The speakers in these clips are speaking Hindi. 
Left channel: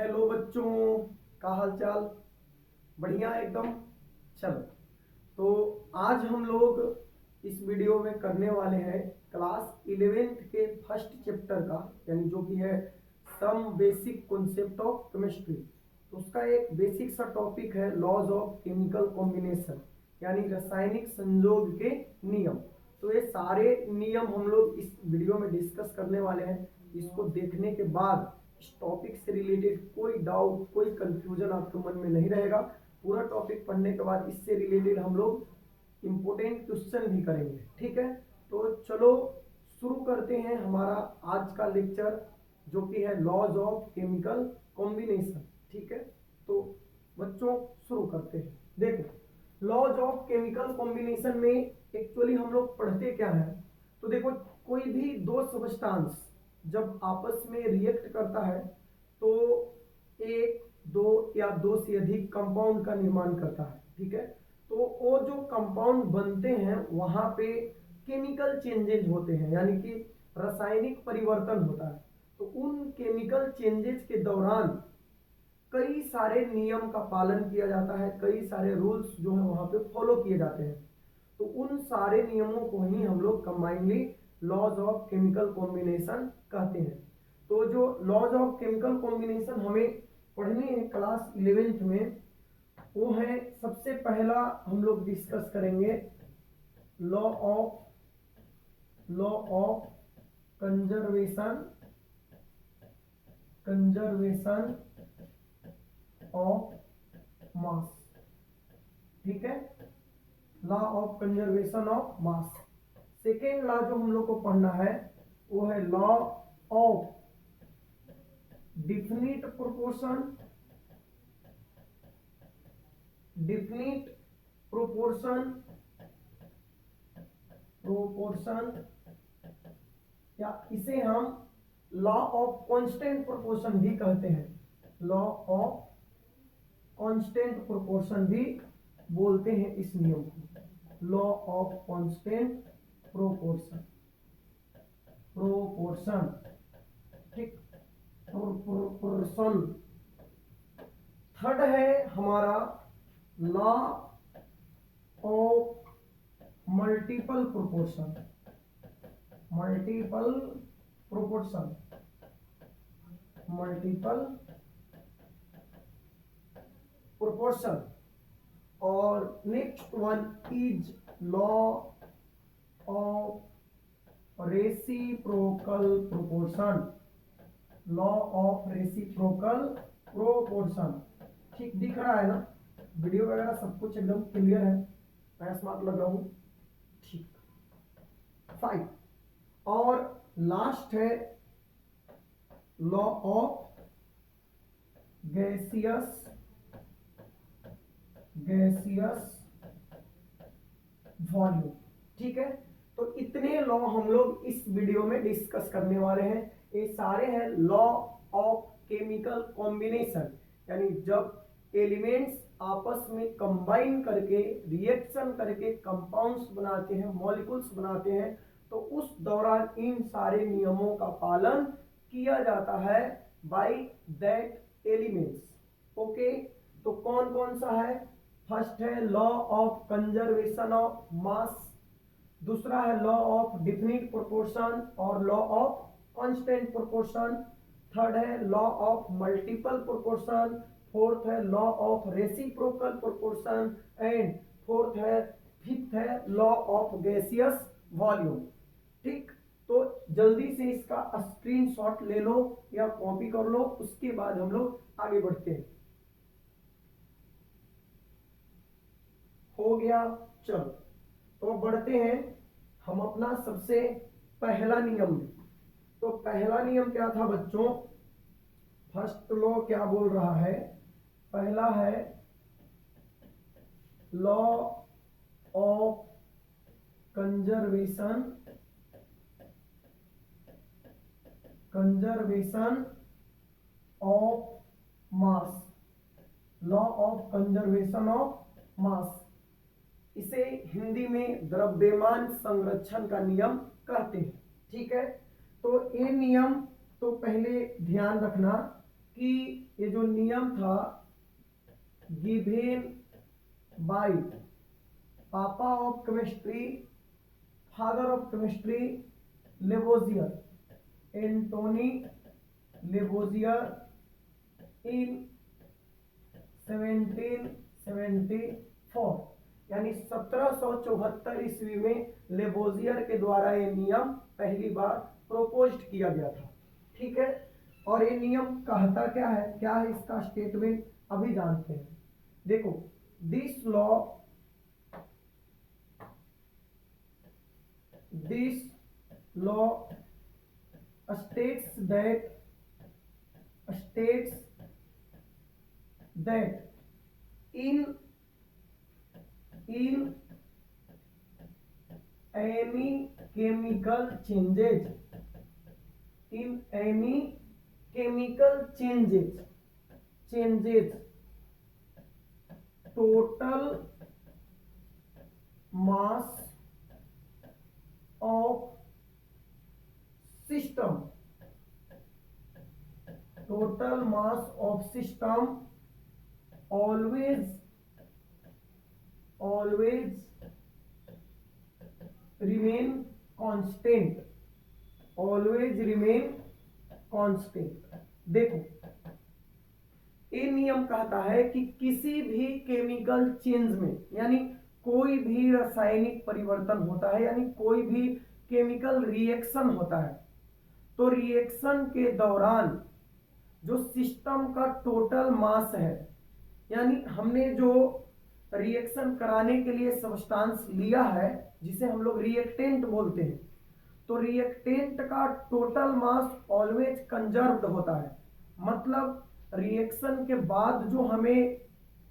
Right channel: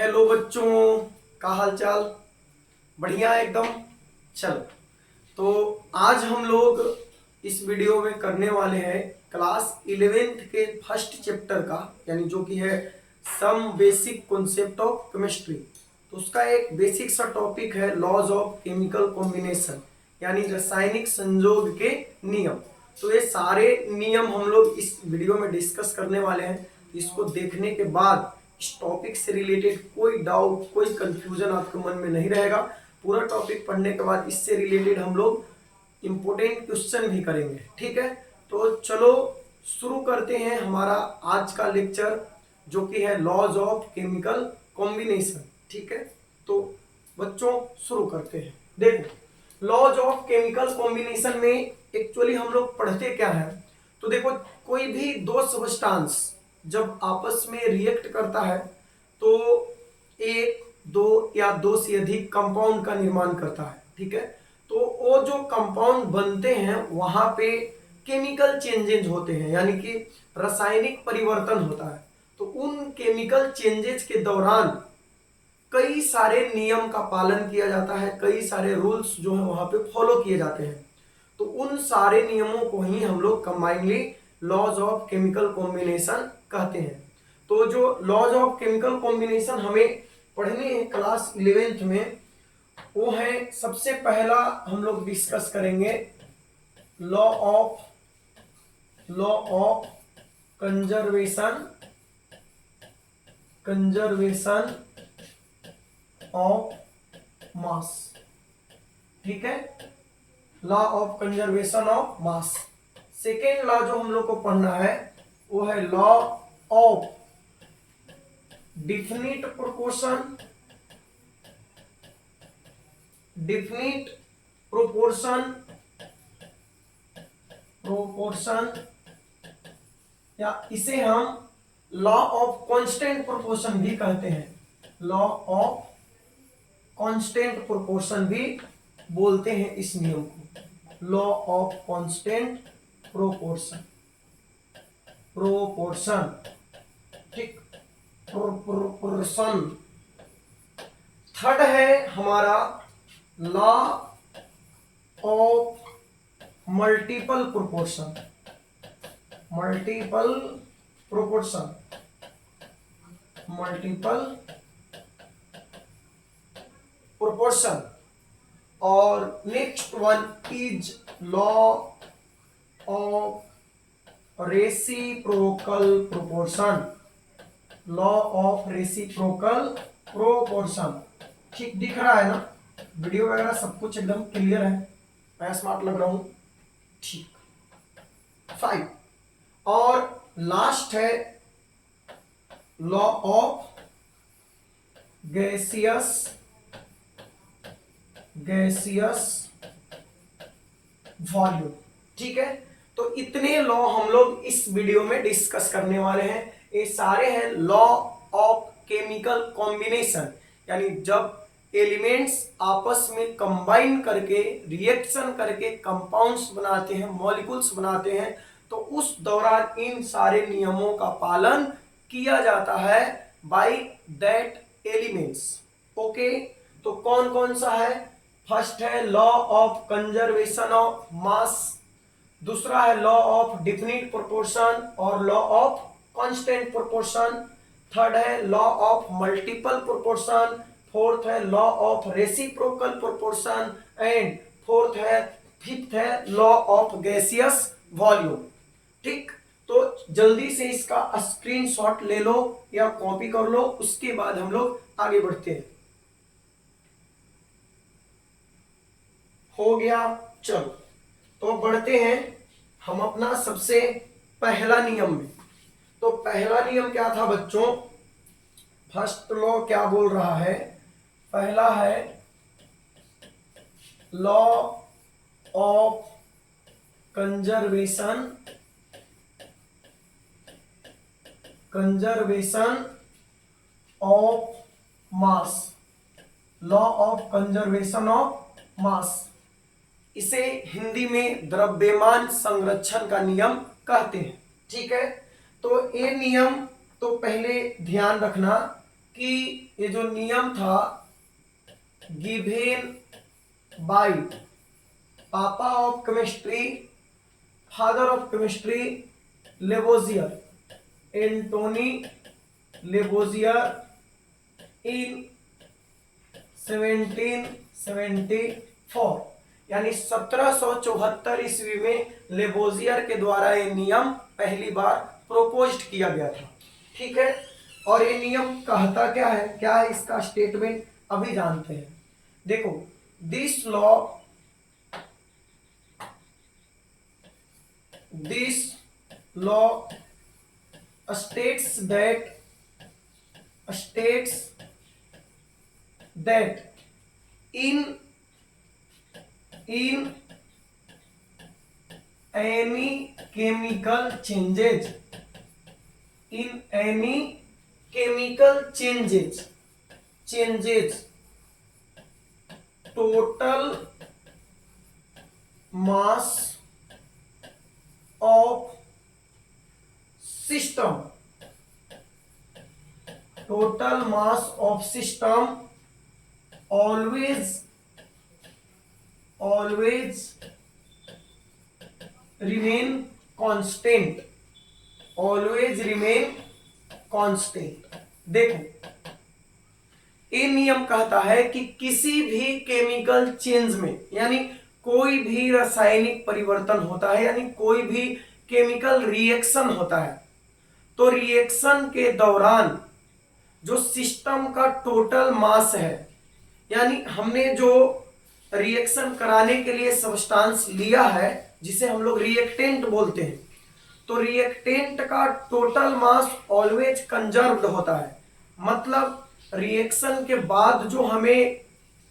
हेलो बच्चों, का हाल चाल? बढ़िया एकदम। चलो, तो आज हम लोग इस वीडियो में करने वाले हैं क्लास 11th के फर्स्ट चैप्टर का, यानी जो कि है some basic concept of chemistry. तो उसका एक बेसिक सा टॉपिक है लॉज ऑफ केमिकल कॉम्बिनेशन, यानी रासायनिक संयोग के नियम। तो ये सारे नियम हम लोग इस वीडियो में डिस्कस करने वाले हैं। इसको देखने के बाद इस टॉपिक से रिलेटेड कोई डाउट, कोई कंफ्यूजन आपके मन में नहीं रहेगा। पूरा टॉपिक पढ़ने के बाद इससे रिलेटेड हम लोग इंपोर्टेंट क्वेश्चन भी करेंगे, ठीक है। तो चलो शुरू करते हैं हमारा आज का लेक्चर, जो कि है लॉज ऑफ केमिकल कॉम्बिनेशन, ठीक है। तो बच्चों शुरू करते हैं। देखो, लॉज ऑफ केमिकल कॉम्बिनेशन में एक्चुअली हम लोग पढ़ते क्या है। तो देखो, कोई भी दो सब्सटेंस जब आपस में रिएक्ट करता है तो एक, दो या दो से अधिक कंपाउंड का निर्माण करता है, ठीक है। तो वो जो कंपाउंड बनते हैं वहां पे केमिकल चेंजेज होते हैं, यानी कि रासायनिक परिवर्तन होता है। तो उन केमिकल चेंजेज के दौरान कई सारे नियम का पालन किया जाता है, कई सारे रूल्स जो है वहां पे फॉलो किए जाते हैं। तो उन सारे नियमों को ही हम लोग combinely laws of chemical combination कहते हैं। तो जो लॉज ऑफ केमिकल कॉम्बिनेशन हमें पढ़ने हैं क्लास 11th में, वो है सबसे पहला हम लोग डिस्कस करेंगे लॉ ऑफ कंजर्वेशन ऑफ मास, ठीक है। Law of conservation of mass. Second law जो हम लोग को पढ़ना है वो है लॉ ऑफ डिफिनिट प्रोपोर्शन, या इसे हम लॉ ऑफ कांस्टेंट प्रोपोर्शन भी कहते हैं। लॉ ऑफ कांस्टेंट प्रोपोर्शन भी बोलते हैं इस नियम को। लॉ ऑफ कांस्टेंट प्रोपोर्शन, ठीक, प्रोपोर्शन। थर्ड है हमारा लॉ ऑफ मल्टीपल प्रोपोर्शन, और next one is law of reciprocal proportion. ठीक दिख रहा है ना? वीडियो वगैरह सब कुछ एकदम क्लियर है? मैं स्मार्ट लग रहा हूं? ठीक। 5 और लास्ट है लॉ ऑफ गैसियस वॉल्यूम, ठीक है। तो इतने लॉ हम लोग इस वीडियो में डिस्कस करने वाले हैं। ये सारे हैं लॉ ऑफ केमिकल कॉम्बिनेशन, यानी जब एलिमेंट्स आपस में कंबाइन करके रिएक्शन करके कंपाउंड्स बनाते हैं, मॉलिक्यूल्स बनाते हैं, तो उस दौरान इन सारे नियमों का पालन किया जाता है बाय दैट एलिमेंट्स। ओके, तो कौन कौन सा है? फर्स्ट है law of conservation of mass, दूसरा है लॉ ऑफ डिफिनिट प्रोपोर्शन और law of constant proportion, third है law of multiple proportion, fourth है law of reciprocal proportion and fifth है लॉ ऑफ गैसियस वॉल्यूम। ठीक, तो जल्दी से इसका स्क्रीनशॉट ले लो या कॉपी कर लो, उसके बाद हम लोग आगे बढ़ते हैं। हो गया? चलो, तो बढ़ते हैं हम अपना सबसे पहला नियम में। तो पहला नियम क्या था बच्चों? फर्स्ट लॉ क्या बोल रहा है? पहला है law of conservation of mass, law of conservation of मास। इसे हिंदी में द्रव्यमान संरक्षण का नियम कहते हैं, ठीक है। तो ये नियम तो पहले ध्यान रखना कि ये जो नियम था given by papa of chemistry, father of chemistry, Lavoisier, Antoine Lavoisier in 1774, यानी 1774 ईस्वी में लेवोजियर के द्वारा ये नियम पहली बार प्रोपोज्ड किया गया था। ठीक है, और ये नियम कहता क्या है इसका स्टेटमेंट अभी जानते हैं। देखो, this law states that in any chemical changes, total mass of system always remain constant, देखो, ये नियम कहता है कि किसी भी केमिकल चेंज में, यानी कोई भी रासायनिक परिवर्तन होता है, यानी कोई भी केमिकल रिएक्शन होता है, तो रिएक्शन के दौरान जो सिस्टम का टोटल मास है, यानी हमने जो रिएक्शन कराने के लिए सब्सटेंस लिया है जिसे हम लोग रिएक्टेंट बोलते हैं, तो रिएक्टेंट का टोटल मास ऑलवेज कंजर्व्ड होता है। मतलब रिएक्शन के बाद जो हमें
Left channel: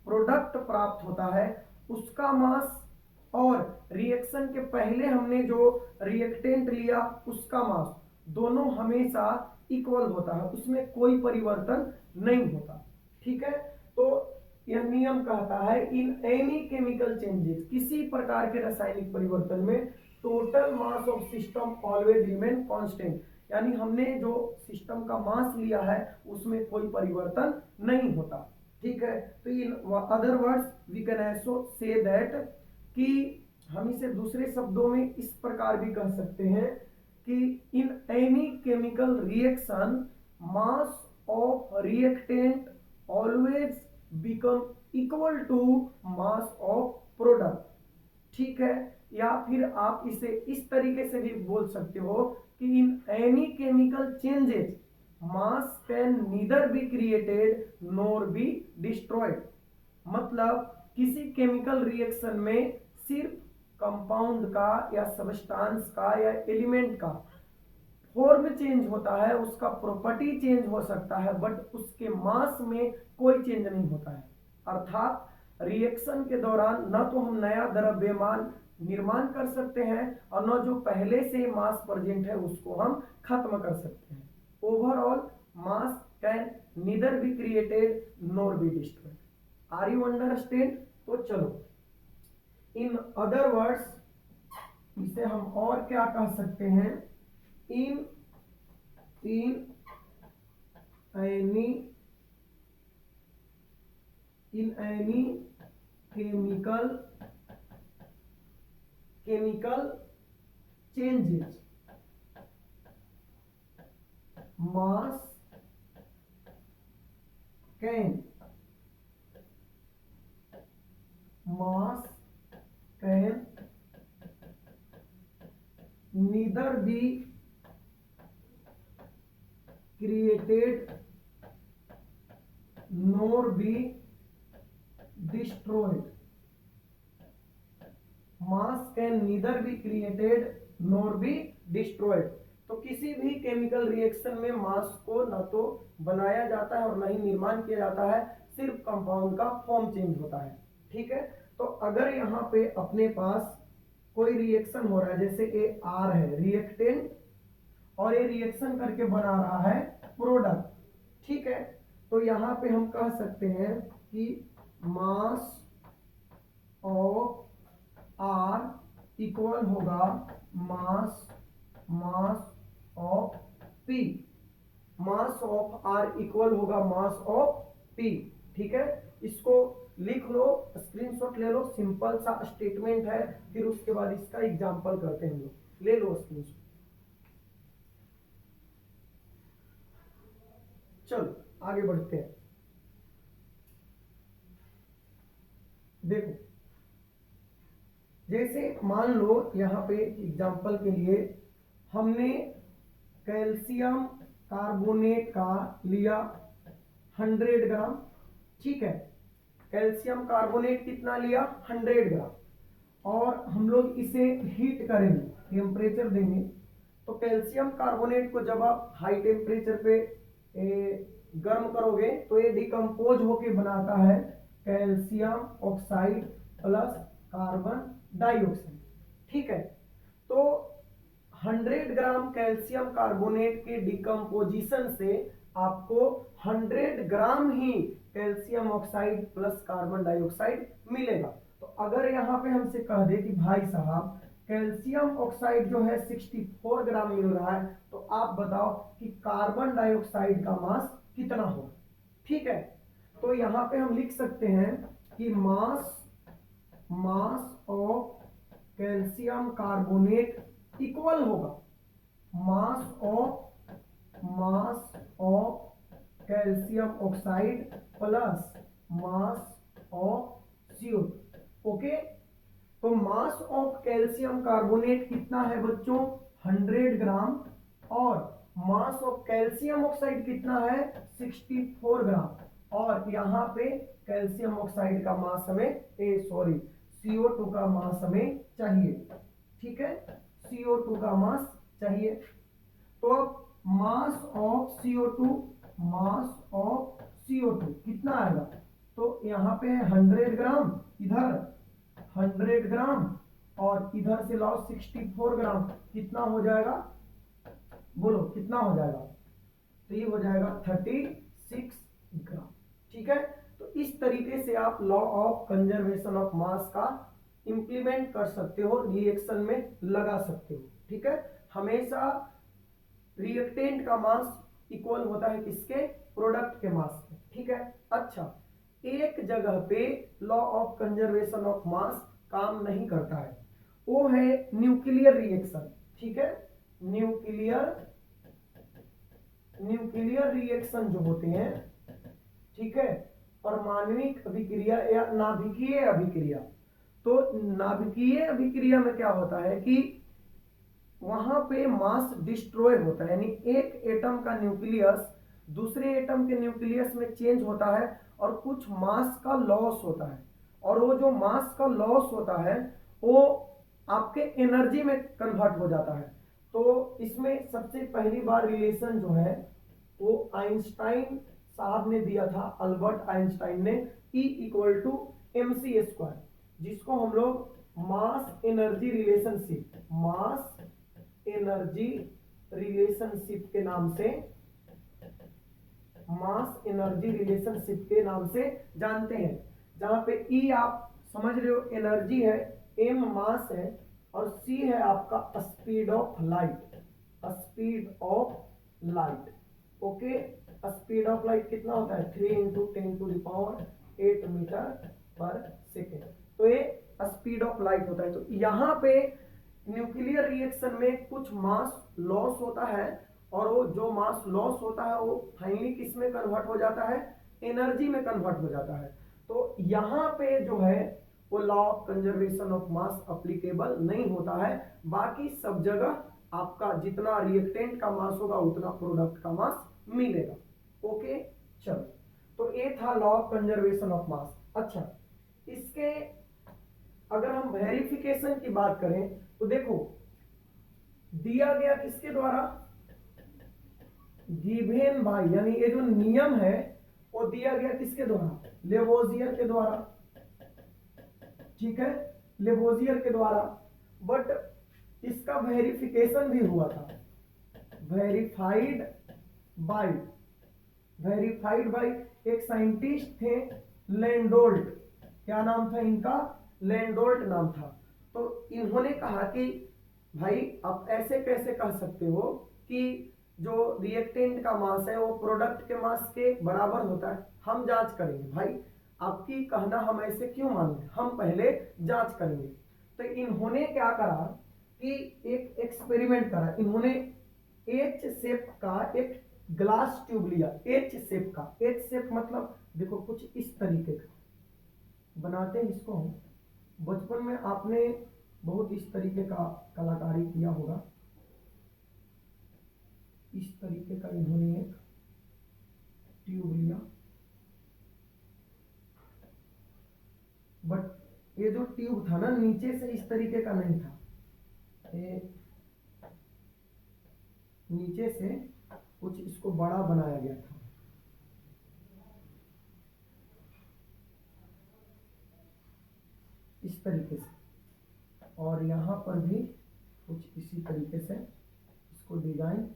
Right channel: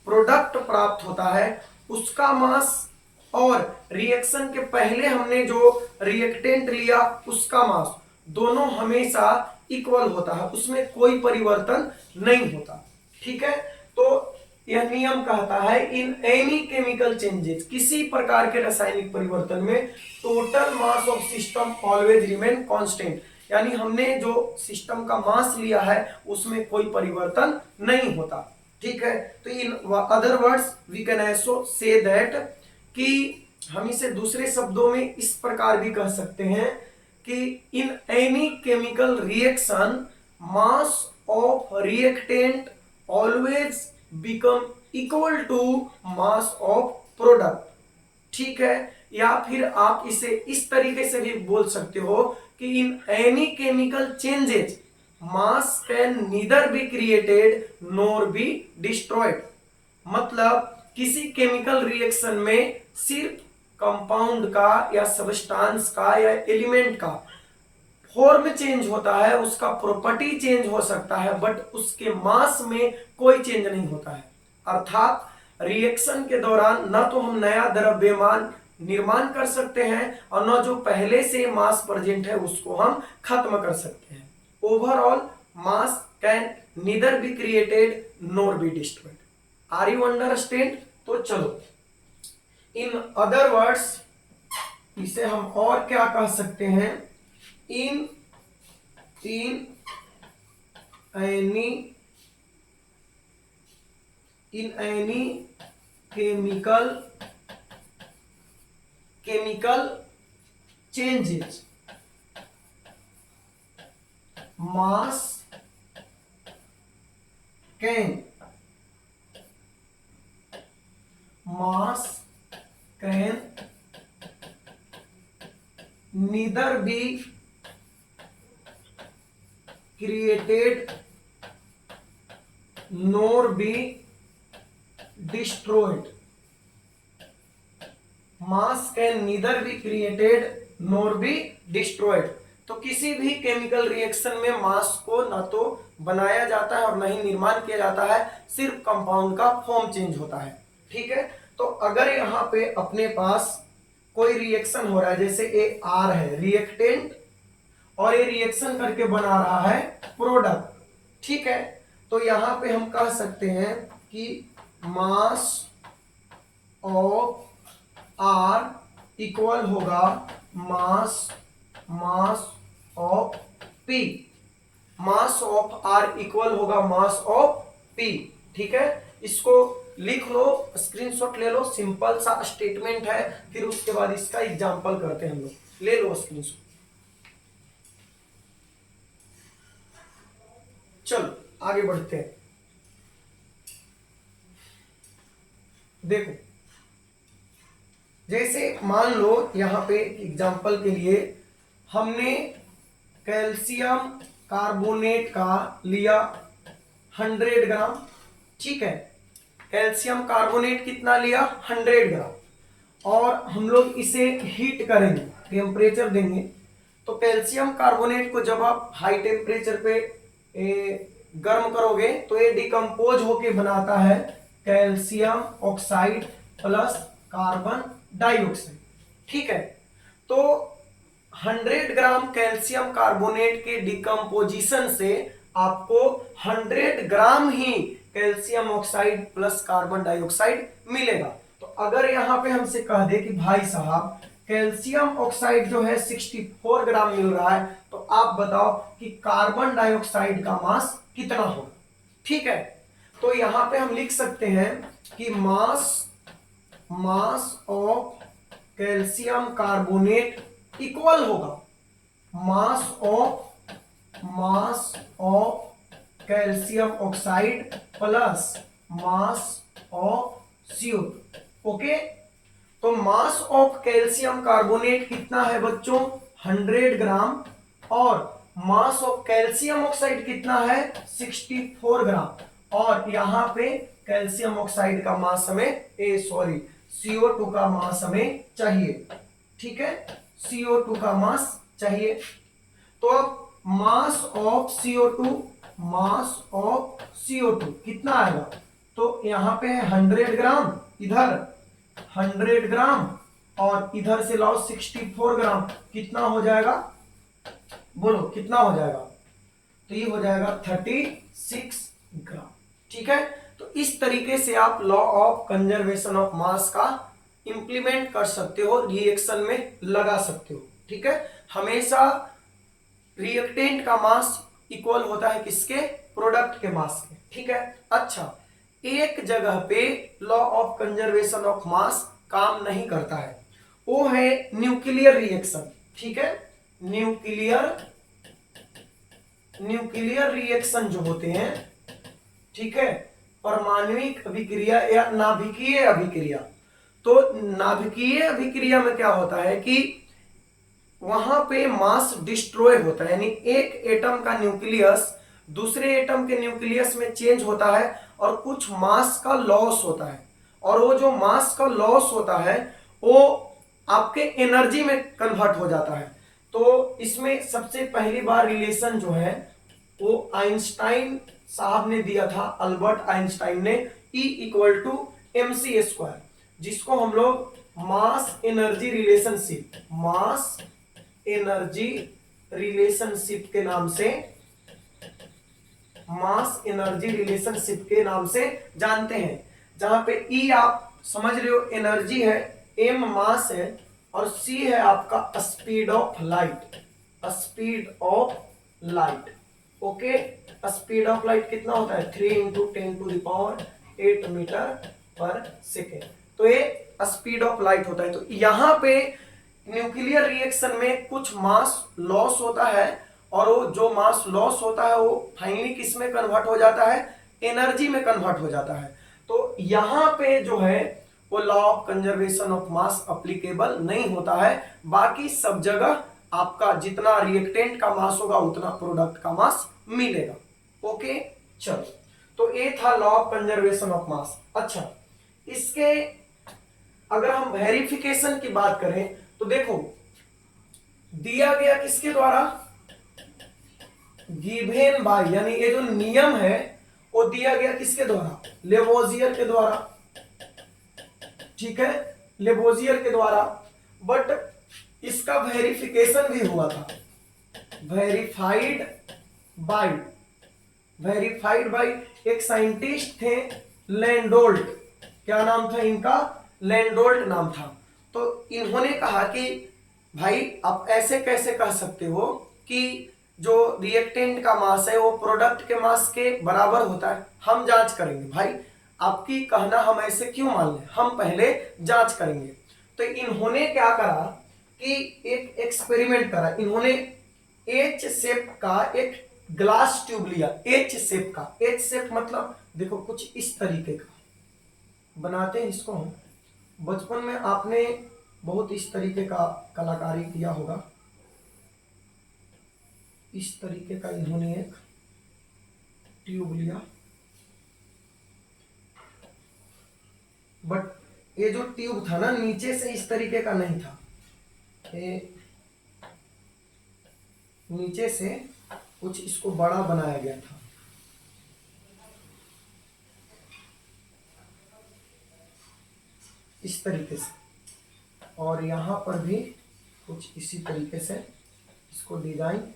प्रोडक्ट प्राप्त होता है उसका मास और रिएक्शन के पहले हमने जो रिएक्टेंट लिया उसका मास दोनों हमेशा इक्वल होता है, उसमें कोई परिवर्तन नहीं होता। ठीक है, तो यह नियम कहता है इन एनी केमिकल चेंजेस, किसी प्रकार के रासायनिक परिवर्तन में total mass of system always remain constant, यानी हमने जो सिस्टम का मास लिया है उसमें कोई परिवर्तन नहीं होता। ठीक है, तो in other words we can also say that, कि हम इसे दूसरे शब्दों में इस प्रकार भी कह सकते हैं कि in any chemical reaction mass of reactant always become equal to mass of product. ठीक है, या फिर आप इसे इस तरीके से भी बोल सकते हो कि in any chemical changes mass can neither be created NOR be destroyed. मतलब किसी केमिकल रिएक्शन में सिर्फ कंपाउंड का या सब्सटेंस का या एलिमेंट का फॉर्म चेंज होता है, उसका प्रॉपर्टी चेंज हो सकता है, बट उसके मास में कोई चेंज नहीं होता है। अर्थात रिएक्शन के दौरान न तो हम नया द्रव्यमान निर्माण कर सकते हैं और न जो पहले से मास प्रेजेंट है उसको हम खत्म कर सकते हैं। Overall mass can neither be created nor be destroyed. Are you understand? तो चलो, इन अदर वर्ड्स इसे हम और क्या कह सकते हैं, इन any chemical changes mass can neither be created nor be destroyed। Mass can neither be created NOR be destroyed. तो किसी भी केमिकल रिएक्शन में मास को न तो बनाया जाता है और न ही निर्माण किया जाता है, सिर्फ कंपाउंड का फॉर्म चेंज होता है। ठीक है, तो अगर यहाँ पे अपने पास कोई रिएक्शन हो रहा है, जैसे ए आर है रिएक्टेंट और ये रिएक्शन करके बना रहा है प्रोडक्ट। ठीक है, तो यहाँ पे हम कह सकते हैं कि मास ऑफ आर इक्वल होगा mass of P. Mass of R equal होगा मास ऑफ पी। ठीक है, इसको लिख लो, स्क्रीनशॉट ले लो, सिंपल सा स्टेटमेंट है, फिर उसके बाद इसका एग्जांपल करते हैं हम लोग। ले लो स्क्रीनशॉट। चलो आगे बढ़ते हैं। देखो, जैसे मान लो यहां पे एग्जांपल के लिए हमने कैल्शियम कार्बोनेट का लिया 100 ग्राम। ठीक है, कैल्शियम कार्बोनेट कितना लिया? 100 ग्राम। और हम लोग इसे हीट करेंगे, टेम्परेचर देंगे। तो कैल्शियम कार्बोनेट को जब आप हाई टेम्परेचर पे गर्म करोगे तो ये डिकम्पोज होके बनाता है calcium oxide plus carbon dioxide. ठीक है, तो 100 ग्राम कैल्शियम कार्बोनेट के डिकम्पोजिशन से आपको 100 ग्राम ही calcium oxide plus carbon dioxide मिलेगा। तो अगर यहाँ पे हमसे कह दे कि भाई साहब कैल्शियम ऑक्साइड जो है 64 ग्राम मिल रहा है, तो आप बताओ कि कार्बन डाइऑक्साइड का मास कितना होगा। ठीक है, तो यहाँ पे हम लिख सकते हैं कि mass of calcium carbonate equal होगा mass of calcium oxide plus mass of CO2। Okay, तो मास ऑफ कैल्शियम कार्बोनेट कितना है बच्चों? 100 ग्राम। और मास ऑफ कैल्शियम ऑक्साइड कितना है? 64 ग्राम। और यहां पे कैल्शियम ऑक्साइड का मास हमें CO2 का मास हमें चाहिए। ठीक है, CO2 का मास चाहिए। तो अब मास ऑफ CO2 कितना आएगा? तो यहां पे है 100 ग्राम, इधर 100 ग्राम और इधर से लाओ 64 ग्राम, कितना हो जाएगा? बोलो कितना हो जाएगा? तो ये हो जाएगा 36 ग्राम। ठीक है, तो इस तरीके से आप लॉ ऑफ कंजर्वेशन ऑफ मास का इंप्लीमेंट कर सकते हो, रिएक्शन में लगा सकते हो। ठीक है, हमेशा रिएक्टेंट का मास इक्वल होता है किसके? प्रोडक्ट के मास के। ठीक है, अच्छा, एक जगह पे लॉ ऑफ कंजर्वेशन ऑफ मास काम नहीं करता है, वो है न्यूक्लियर रिएक्शन। ठीक है, न्यूक्लियर रिएक्शन जो होते हैं, ठीक है, परमाणविक अभिक्रिया या नाभिकीय अभिक्रिया। तो नाभिकीय अभिक्रिया में क्या होता है कि वहां पे मास डिस्ट्रॉय होता है, यानी एक एटम का न्यूक्लियस दूसरे एटम के न्यूक्लियस में चेंज होता है और कुछ मास का लॉस होता है। और वो जो मास का लॉस होता है वो आपके एनर्जी में कन्वर्ट हो जाता है। तो इसमें सबसे पहली बार रिलेशन जो है वो आइंस्टाइन साहब ने दिया था, अल्बर्ट आइंस्टाइन ने, E = mc², जिसको हम लोग मास एनर्जी रिलेशनशिप के नाम से जानते हैं। जहां पे E आप समझ रहे हो एनर्जी है, M मास है और C है आपका speed of light. Okay, speed of light कितना होता है? 3 × 10⁸ मीटर पर सेकेंड। तो ये स्पीड ऑफ लाइट होता है। तो यहां पे न्यूक्लियर रिएक्शन में कुछ मास लॉस होता है और वो जो मास लॉस होता है वो फाइनली किस में कन्वर्ट हो जाता है? एनर्जी में कन्वर्ट हो जाता है। तो यहां पे जो है वो law of conservation of mass applicable नहीं होता है। बाकी सब जगह आपका जितना रिएक्टेंट का मास होगा उतना प्रोडक्ट का मास मिलेगा। ओके, चलो, तो ये था लॉ ऑफ कंजर्वेशन ऑफ मास। अच्छा, इसके अगर हम वेरिफिकेशन की बात करें तो देखो दिया गया किसके द्वारा? गिवेन बाय, यानी ये जो नियम है वो दिया गया किसके द्वारा? लेवोजियर के द्वारा। ठीक है, लेवोजियर के द्वारा। बट इसका वेरिफिकेशन भी हुआ था, वेरीफाइड बाय एक साइंटिस्ट थे लैंडोल्ट। क्या नाम था इनका? लैंडोल्ट नाम था। तो इन्होंने कहा कि भाई आप ऐसे कैसे कह सकते हो कि जो रिएक्टेंट का मास है वो प्रोडक्ट के मास के बराबर होता है। हम जांच करेंगे भाई, आपकी कहना हम ऐसे क्यों मान लें, हम पहले जांच करेंगे। तो इन्होंने क्या करा कि एक एक्सपेरिमेंट करा, इन्होंने एच शेप का एक ग्लास ट्यूब लिया, एच शेप का, एच शेप मतलब देखो कुछ इस तरीके का बनाते हैं इसको हम। बचपन में आपने बहुत इस तरीके का कलाकारी किया होगा। इस तरीके का इन्होंने एक ट्यूब लिया, बट ये जो ट्यूब था ना नीचे से इस तरीके का नहीं था, ये नीचे से कुछ इसको बड़ा बनाया गया था। इस तरीके से, और यहां पर भी कुछ इसी तरीके से इसको डिजाइन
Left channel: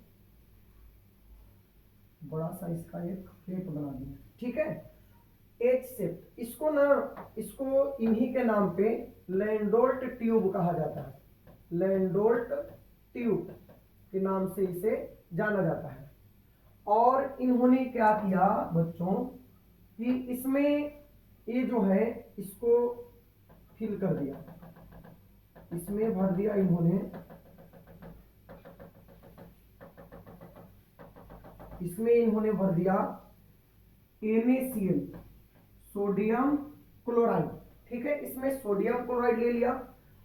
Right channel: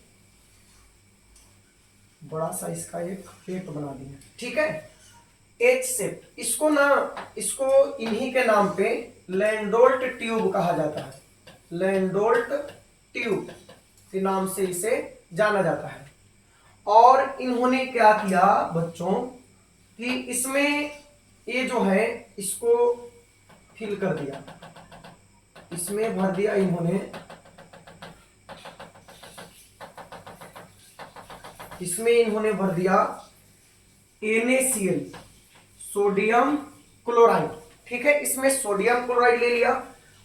बड़ा सा इसका एक पेट बना दिया, ठीक है, एच शेप। इसको ना, इसको इन्हीं के नाम पे लैंडोल्ट ट्यूब कहा जाता है, लैंडोल्ट ट्यूब के नाम से इसे जाना जाता है। और इन्होंने क्या किया बच्चों कि इसमें ये जो है इसको फिल कर दिया, इसमें भर दिया इन्होंने, इसमें इन्होंने भर दिया NaCl, सोडियम क्लोराइड, ठीक है, इसमें सोडियम क्लोराइड ले लिया,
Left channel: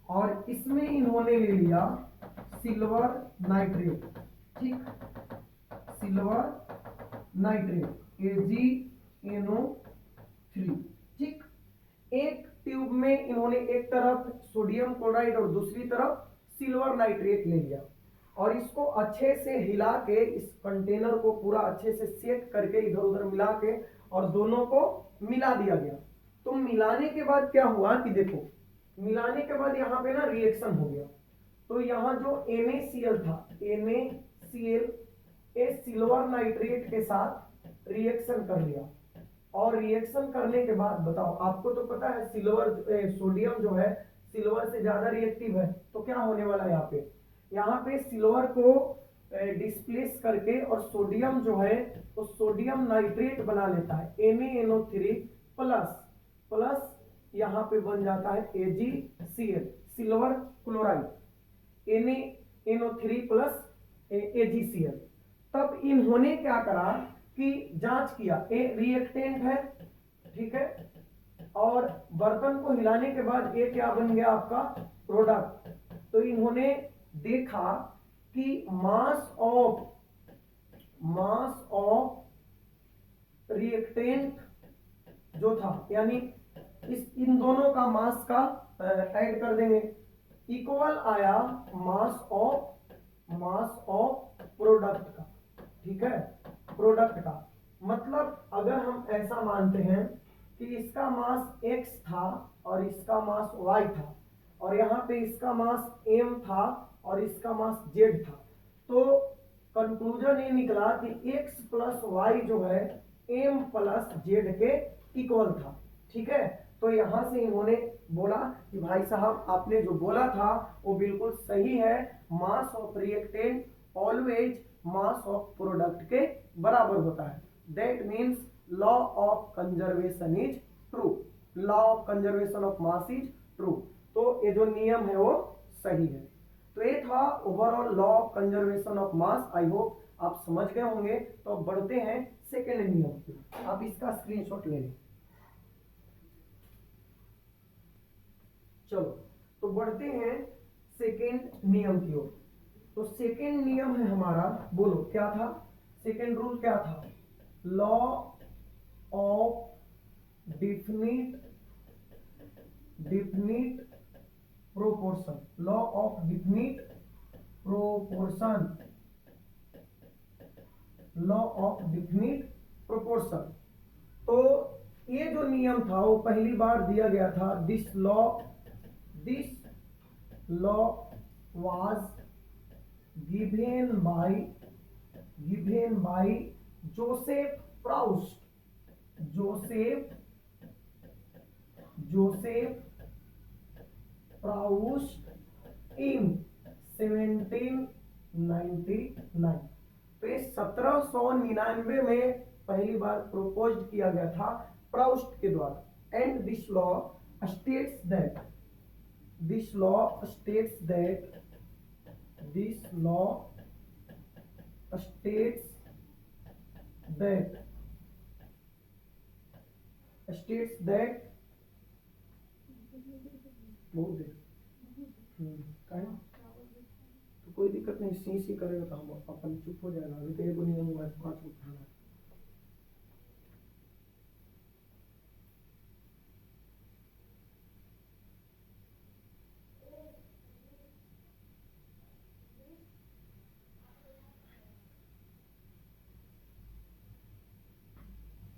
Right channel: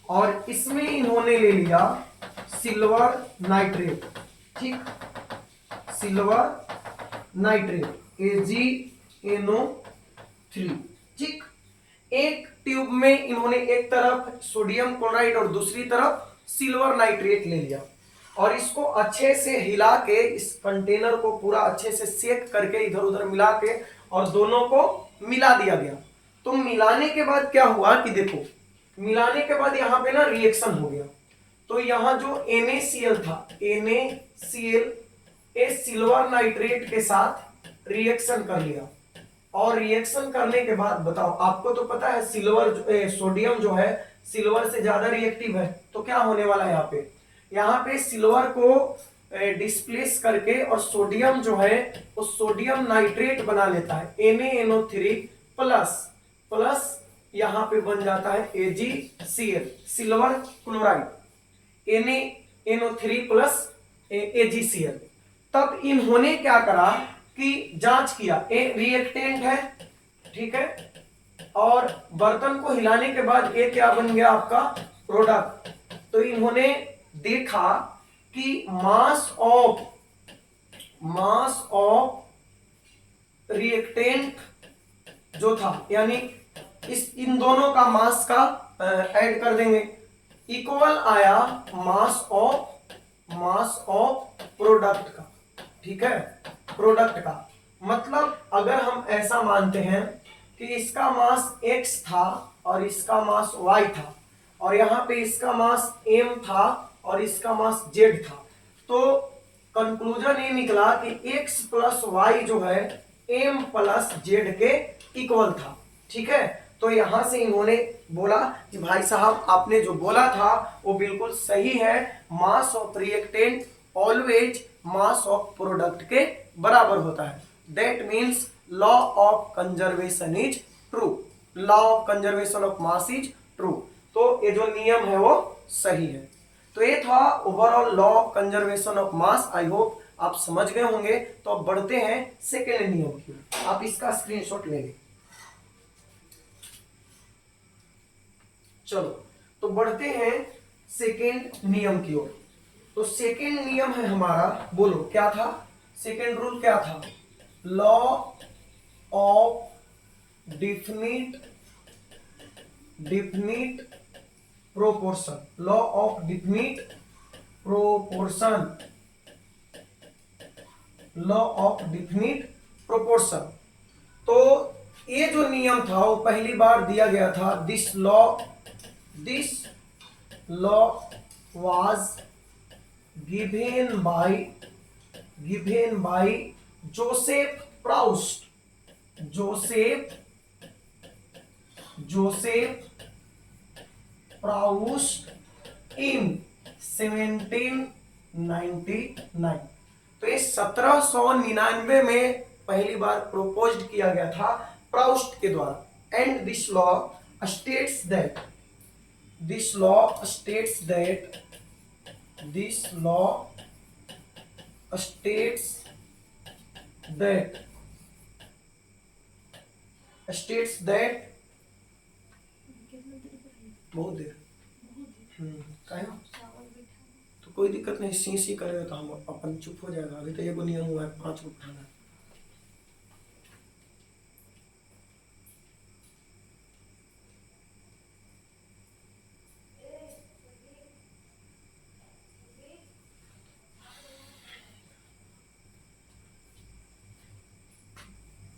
और इसमें इन्होंने ले लिया सिल्वर नाइट्रेट, ठीक, सिल्वर नाइट्रेट AgNO3, ठीक। एक ट्यूब में इन्होंने एक तरफ सोडियम क्लोराइड और दूसरी तरफ सिल्वर नाइट्रेट ले लिया, और इसको अच्छे से हिला के, इस कंटेनर को पूरा अच्छे से सेट करके इधर उधर मिला के और दोनों को मिला दिया गया। तो मिलाने के बाद क्या हुआ कि देखो, मिलाने के बाद यहाँ पे ना रिएक्शन हो गया। तो यहाँ जो NaCl था, NaCl सिल्वर नाइट्रेट के साथ रिएक्शन कर लिया, और रिएक्शन करने के बाद बताओ, आपको तो पता है सिल्वर सोडियम जो है सिल्वर से ज्यादा रिएक्टिव है, तो क्या होने वाला है यहाँ पे सिल्वर को डिस्प्लेस करके और सोडियम जो है वो सोडियम नाइट्रेट बना लेता है, NaNO3 प्लस प्लस यहाँ पे बन जाता है AgCl, silver chloride, NaNO3 plus AgCl। तब इन्होंने क्या करा कि जांच किया, एक रिएक्टेंट है, ठीक है, और बर्तन को हिलाने के बाद ये क्या बन गया आपका प्रोडक्ट। तो इन्होंने देखा कि मास ऑफ रिएक्टेंट जो था, यानी इन दोनों का मास का ऐड कर देंगे, इक्वल आया मास ऑफ प्रोडक्ट का, ठीक है, प्रोडक्ट का। मतलब अगर हम ऐसा मानते हैं कि इसका मास x था और इसका मास y था, और यहाँ पे इसका मास m था और इसका मास z था, तो कंक्लूजन ये निकला कि x प्लस वाई जो है m प्लस z के इक्वल था, ठीक है। तो यहां से इन्होंने बोला कि भाई साहब आपने जो बोला था वो बिल्कुल सही है, मास of reactant always mass of product के बराबर होता है। That means law of conservation is true, law of conservation of mass is true. तो ये जो नियम है वो सही है। तो ये था overall law of conservation of mass. I hope आप समझ गए होंगे। तो अब बढ़ते हैं सेकेंड नियम की, आप इसका स्क्रीनशॉट ले लें। चलो तो बढ़ते हैं सेकेंड नियम की ओर। तो सेकेंड नियम है हमारा, बोलो क्या था सेकेंड रूल, क्या था? Law of definite proportion, law of definite proportion, law of definite proportion. तो ये जो नियम था वो पहली बार दिया गया था। This law was given by Joseph Proust in 1799। तो ये 1799 में पहली बार प्रोपोज्ड किया गया था प्राउस्ट के द्वारा। And this law states that this law states that बहुत देर काहे ना? तो कोई दिक्कत नहीं, सी सी करेगा तो हम अपन चुप हो जाएगा। अभी तो एगो नियम हुआ है 5 को उठाना।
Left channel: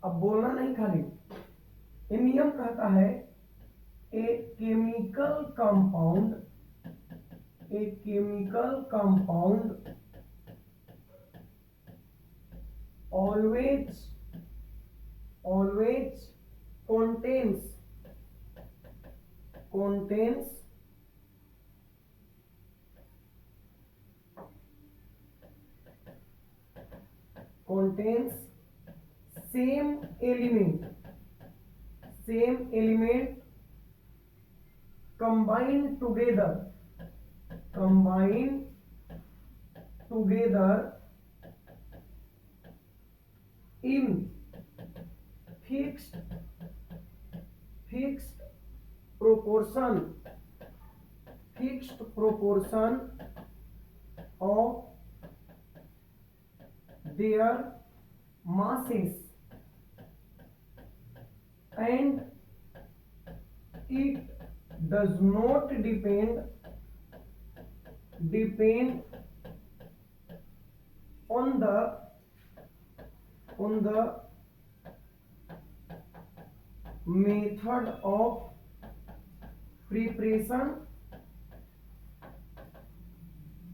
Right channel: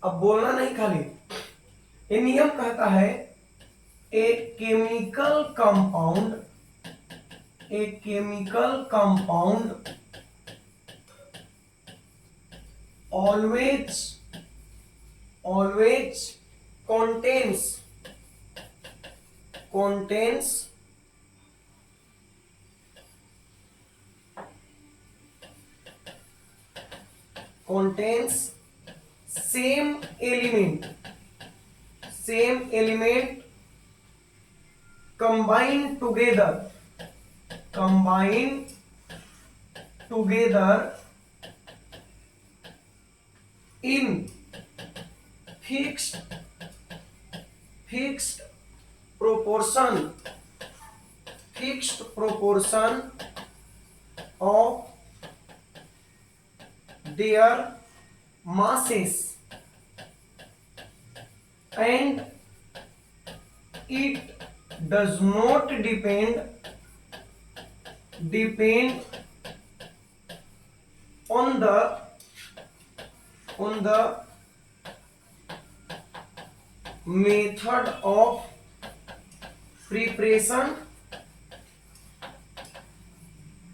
अब बोलना नहीं खाली। ये नियम कहता है a chemical compound always contains same element combined together in fixed proportion of their masses, and it does not depend on the method of preparation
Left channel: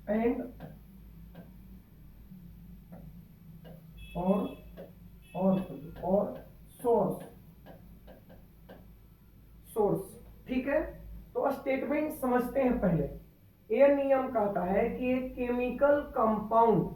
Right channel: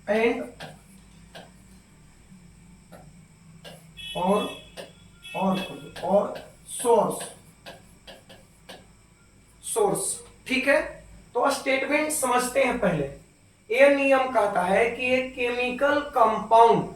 and or source. ठीक है, तो स्टेटमेंट समझते हैं पहले। यह नियम कहता है कि एक chemical compound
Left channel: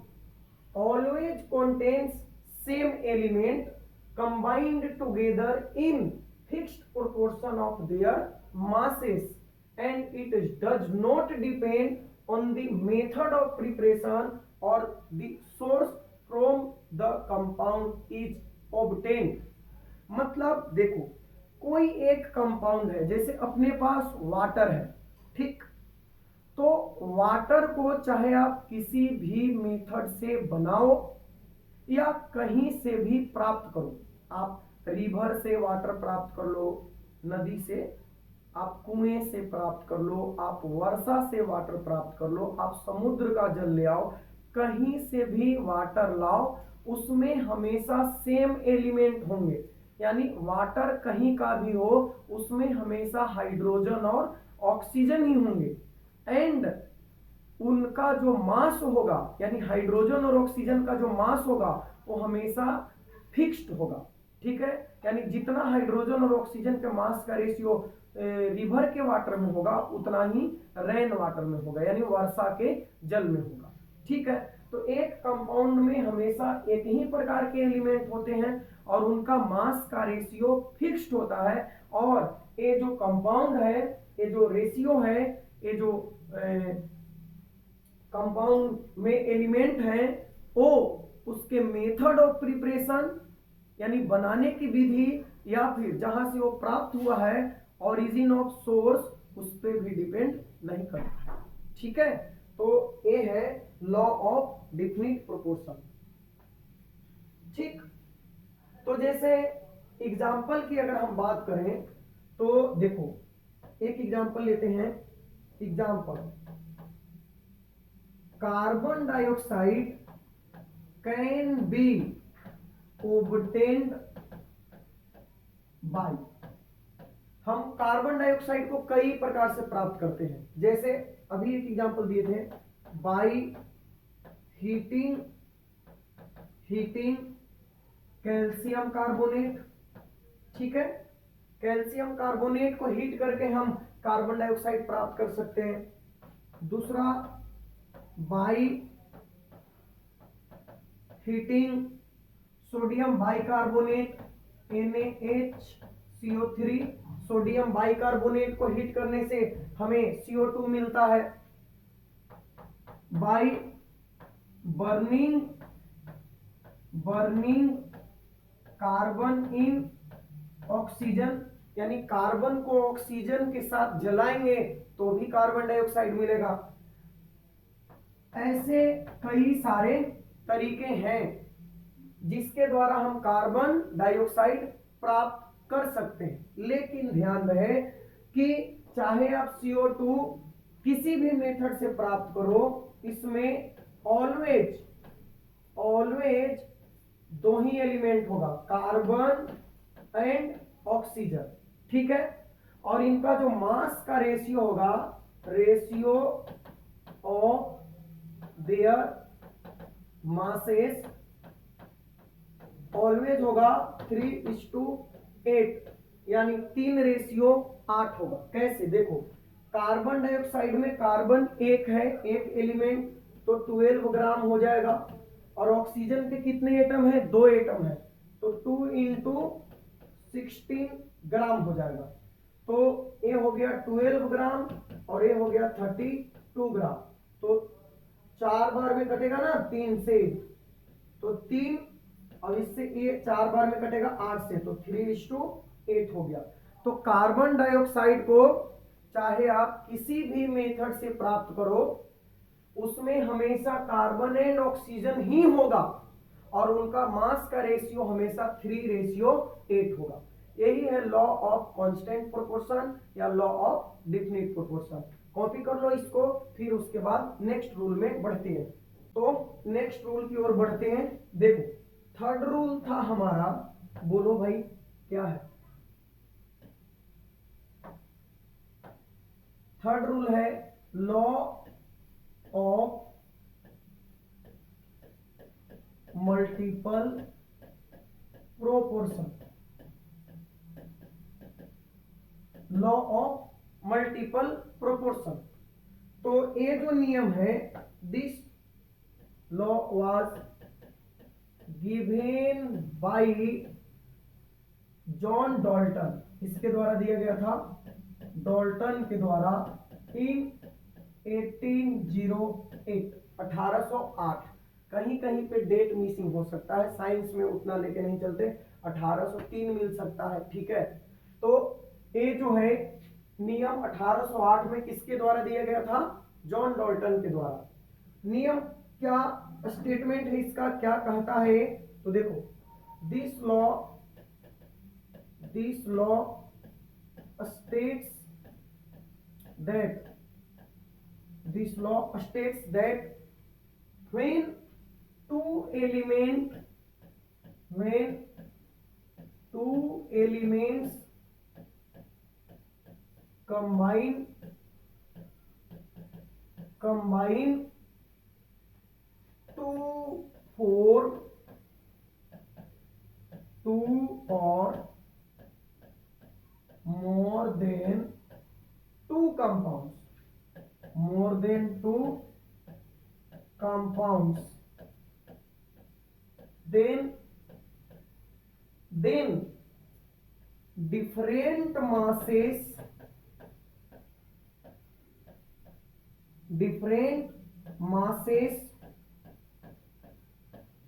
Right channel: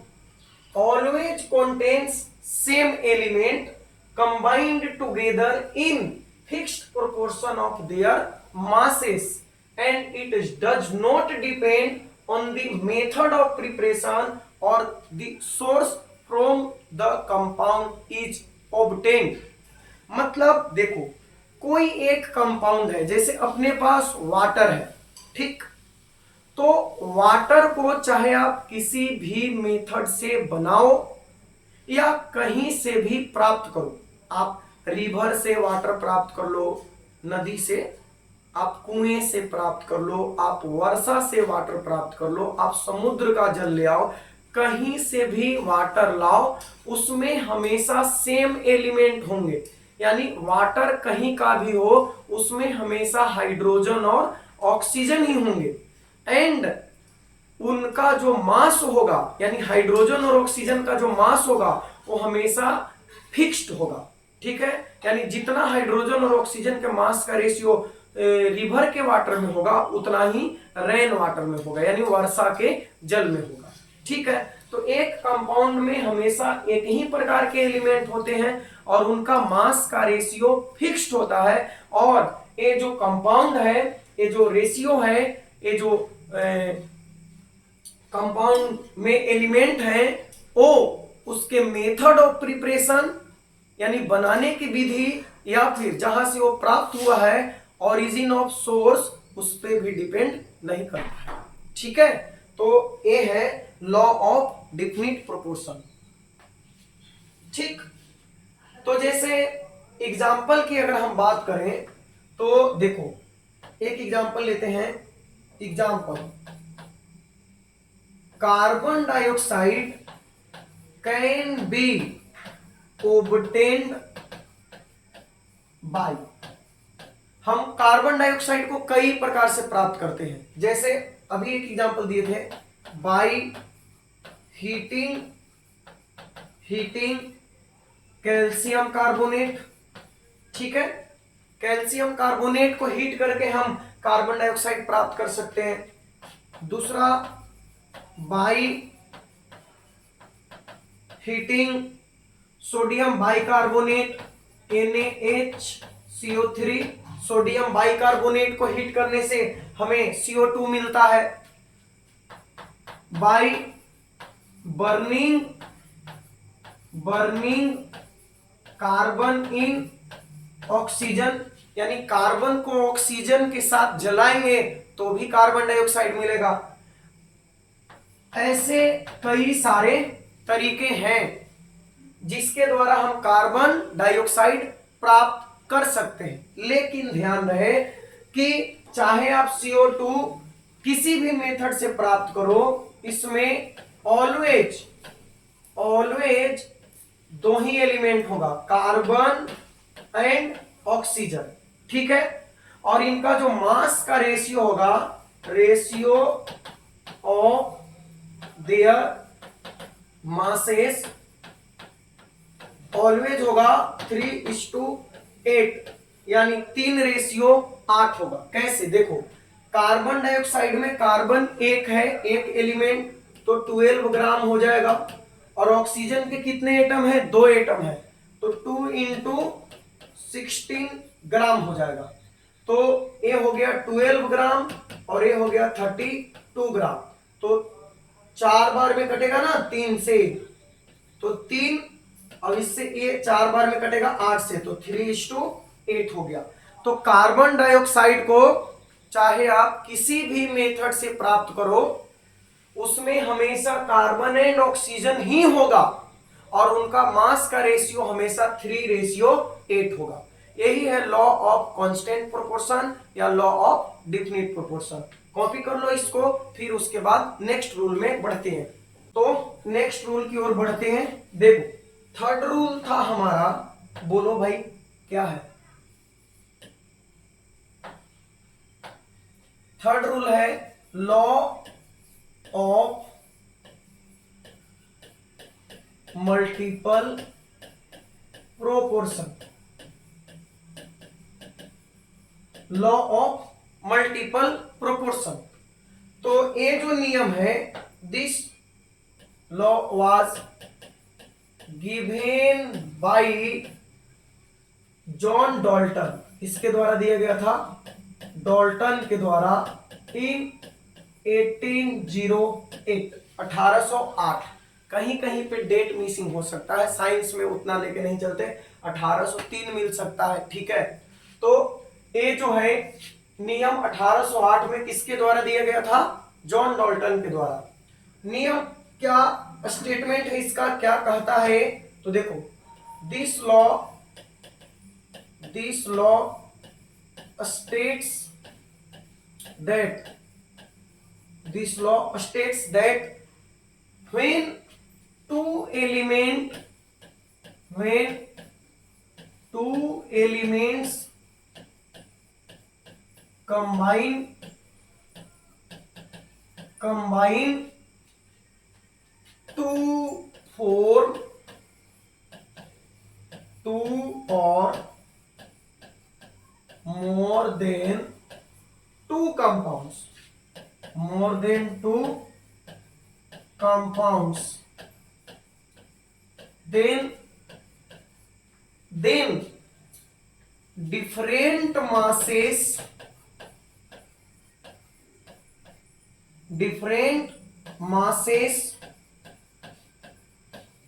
always contains same element combined together in fixed proportion of their masses, and it does not depend on the method of preparation or the source from the compound is obtained। मतलब देखो, कोई एक कंपाउंड है, जैसे अपने पास वाटर है, ठीक, तो वाटर को चाहे आप किसी भी मेथड से बनाओ या कहीं से भी प्राप्त करो, आप रिवर से वाटर प्राप्त कर लो, नदी से, आप कुएं से प्राप्त कर लो, आप वर्षा से वाटर प्राप्त कर लो, आप समुद्र का जल ले आओ, कहीं से भी वाटर लाओ, उसमें हमेशा सेम एलिमेंट होंगे। यानी वाटर कहीं का भी हो, उसमें हमेशा हाइड्रोजन और ऑक्सीजन ही होंगे। एंड उनका जो मास होगा, यानी हाइड्रोजन और ऑक्सीजन का जो मास होगा, वो हमेशा फिक्स्ड होगा। ठीक है, यानी जितना हाइड्रोजन और ऑक्सीजन के मास का रेशियो रिवर के वाटर में होगा, उतना ही रेन वाटर में होगा, यानी वर्षा के जल में होगा। ठीक है, तो एक कंपाउंड में हमेशा एक ही प्रकार के एलिमेंट होते हैं और उनका मास का रेशियो फिक्स्ड होता है। और ये जो कंपाउंड है, ये जो रेशियो है, ये जो कंपाउंड में एलिमेंट है, वो उसके मेथड ऑफ प्रिपरेशन यानी बनाने की विधि, या फिर जहां से वो प्राप्त हुआ है, ओरिजिन ऑफ सोर्स, उस पर भी डिपेंड नहीं करता है। ठीक है, तो ये है लॉ ऑफ डेफिनिट प्रोपोर्शन। ठीक, तो जैसे एग्जाम्पल की अगर हम बात करें तो देखो, एक एग्जाम्पल लेते हैं। Example, carbon dioxide can be obtained by. हम कार्बन डाइऑक्साइड को कई प्रकार से प्राप्त करते हैं, जैसे अभी एक एग्जांपल दिए थे, बाय हीटिंग कैल्शियम कार्बोनेट। ठीक है, कैल्शियम कार्बोनेट को हीट करके हम कार्बन डाइऑक्साइड प्राप्त कर सकते हैं। दूसरा, by heating sodium bicarbonate NaHCO3, sodium bicarbonate को हीट करने से हमें CO2 मिलता है। By burning carbon in oxygen, यानी कार्बन को ऑक्सीजन के साथ जलाएंगे तो भी कार्बन डाइऑक्साइड मिलेगा। ऐसे कई सारे तरीके हैं जिसके द्वारा हम कार्बन डाइऑक्साइड प्राप्त कर सकते हैं। लेकिन ध्यान रहे कि चाहे आप CO2 किसी भी मेथड से प्राप्त करो, इसमें ऑलवेज दो ही एलिमेंट होगा, कार्बन एंड ऑक्सीजन। ठीक है, और इनका जो मास का रेशियो होगा, ratio of their masses always होगा 3:8, यानी 3:8 होगा। कैसे, देखो कार्बन डाइऑक्साइड में कार्बन एक है, एक एलिमेंट, तो 12 ग्राम हो जाएगा, और ऑक्सीजन के कितने एटम है, 2 एटम है, तो 2 × 16 ग्राम हो जाएगा। तो ये हो गया 12 ग्राम और ये हो गया 32 ग्राम। तो 4 बार में कटेगा ना 3 से, तो 3, अब इससे ये 4 बार में कटेगा 8 से, तो 3:8 हो गया। तो कार्बन डाइऑक्साइड को चाहे आप किसी भी मेथड से प्राप्त करो, उसमें हमेशा कार्बन एंड ऑक्सीजन ही होगा, और उनका मास का रेशियो हमेशा 3:8 होगा। यही है लॉ ऑफ कांस्टेंट प्रोपोर्शन या law of definite proportion. Copy कर लो इसको, फिर उसके बाद नेक्स्ट रूल में बढ़ते हैं। तो नेक्स्ट रूल की ओर बढ़ते हैं। देखो, थर्ड रूल था हमारा, बोलो भाई क्या है? थर्ड रूल है law of multiple proportion. Law of multiple proportion. तो ये जो नियम है, this law was given by John Dalton, इसके द्वारा दिया गया था, डाल्टन के द्वारा इन 1808, 1808। कहीं कहीं पे डेट मिसिंग हो सकता है, साइंस में उतना लेके नहीं चलते, 1803 मिल सकता है। ठीक है, तो ये जो है नियम 1808 में किसके द्वारा दिया गया था? जॉन डाल्टन के द्वारा। नियम क्या स्टेटमेंट है इसका, क्या कहता है? तो देखो, this law states that when two elements combine to form two or more than two compounds, then different masses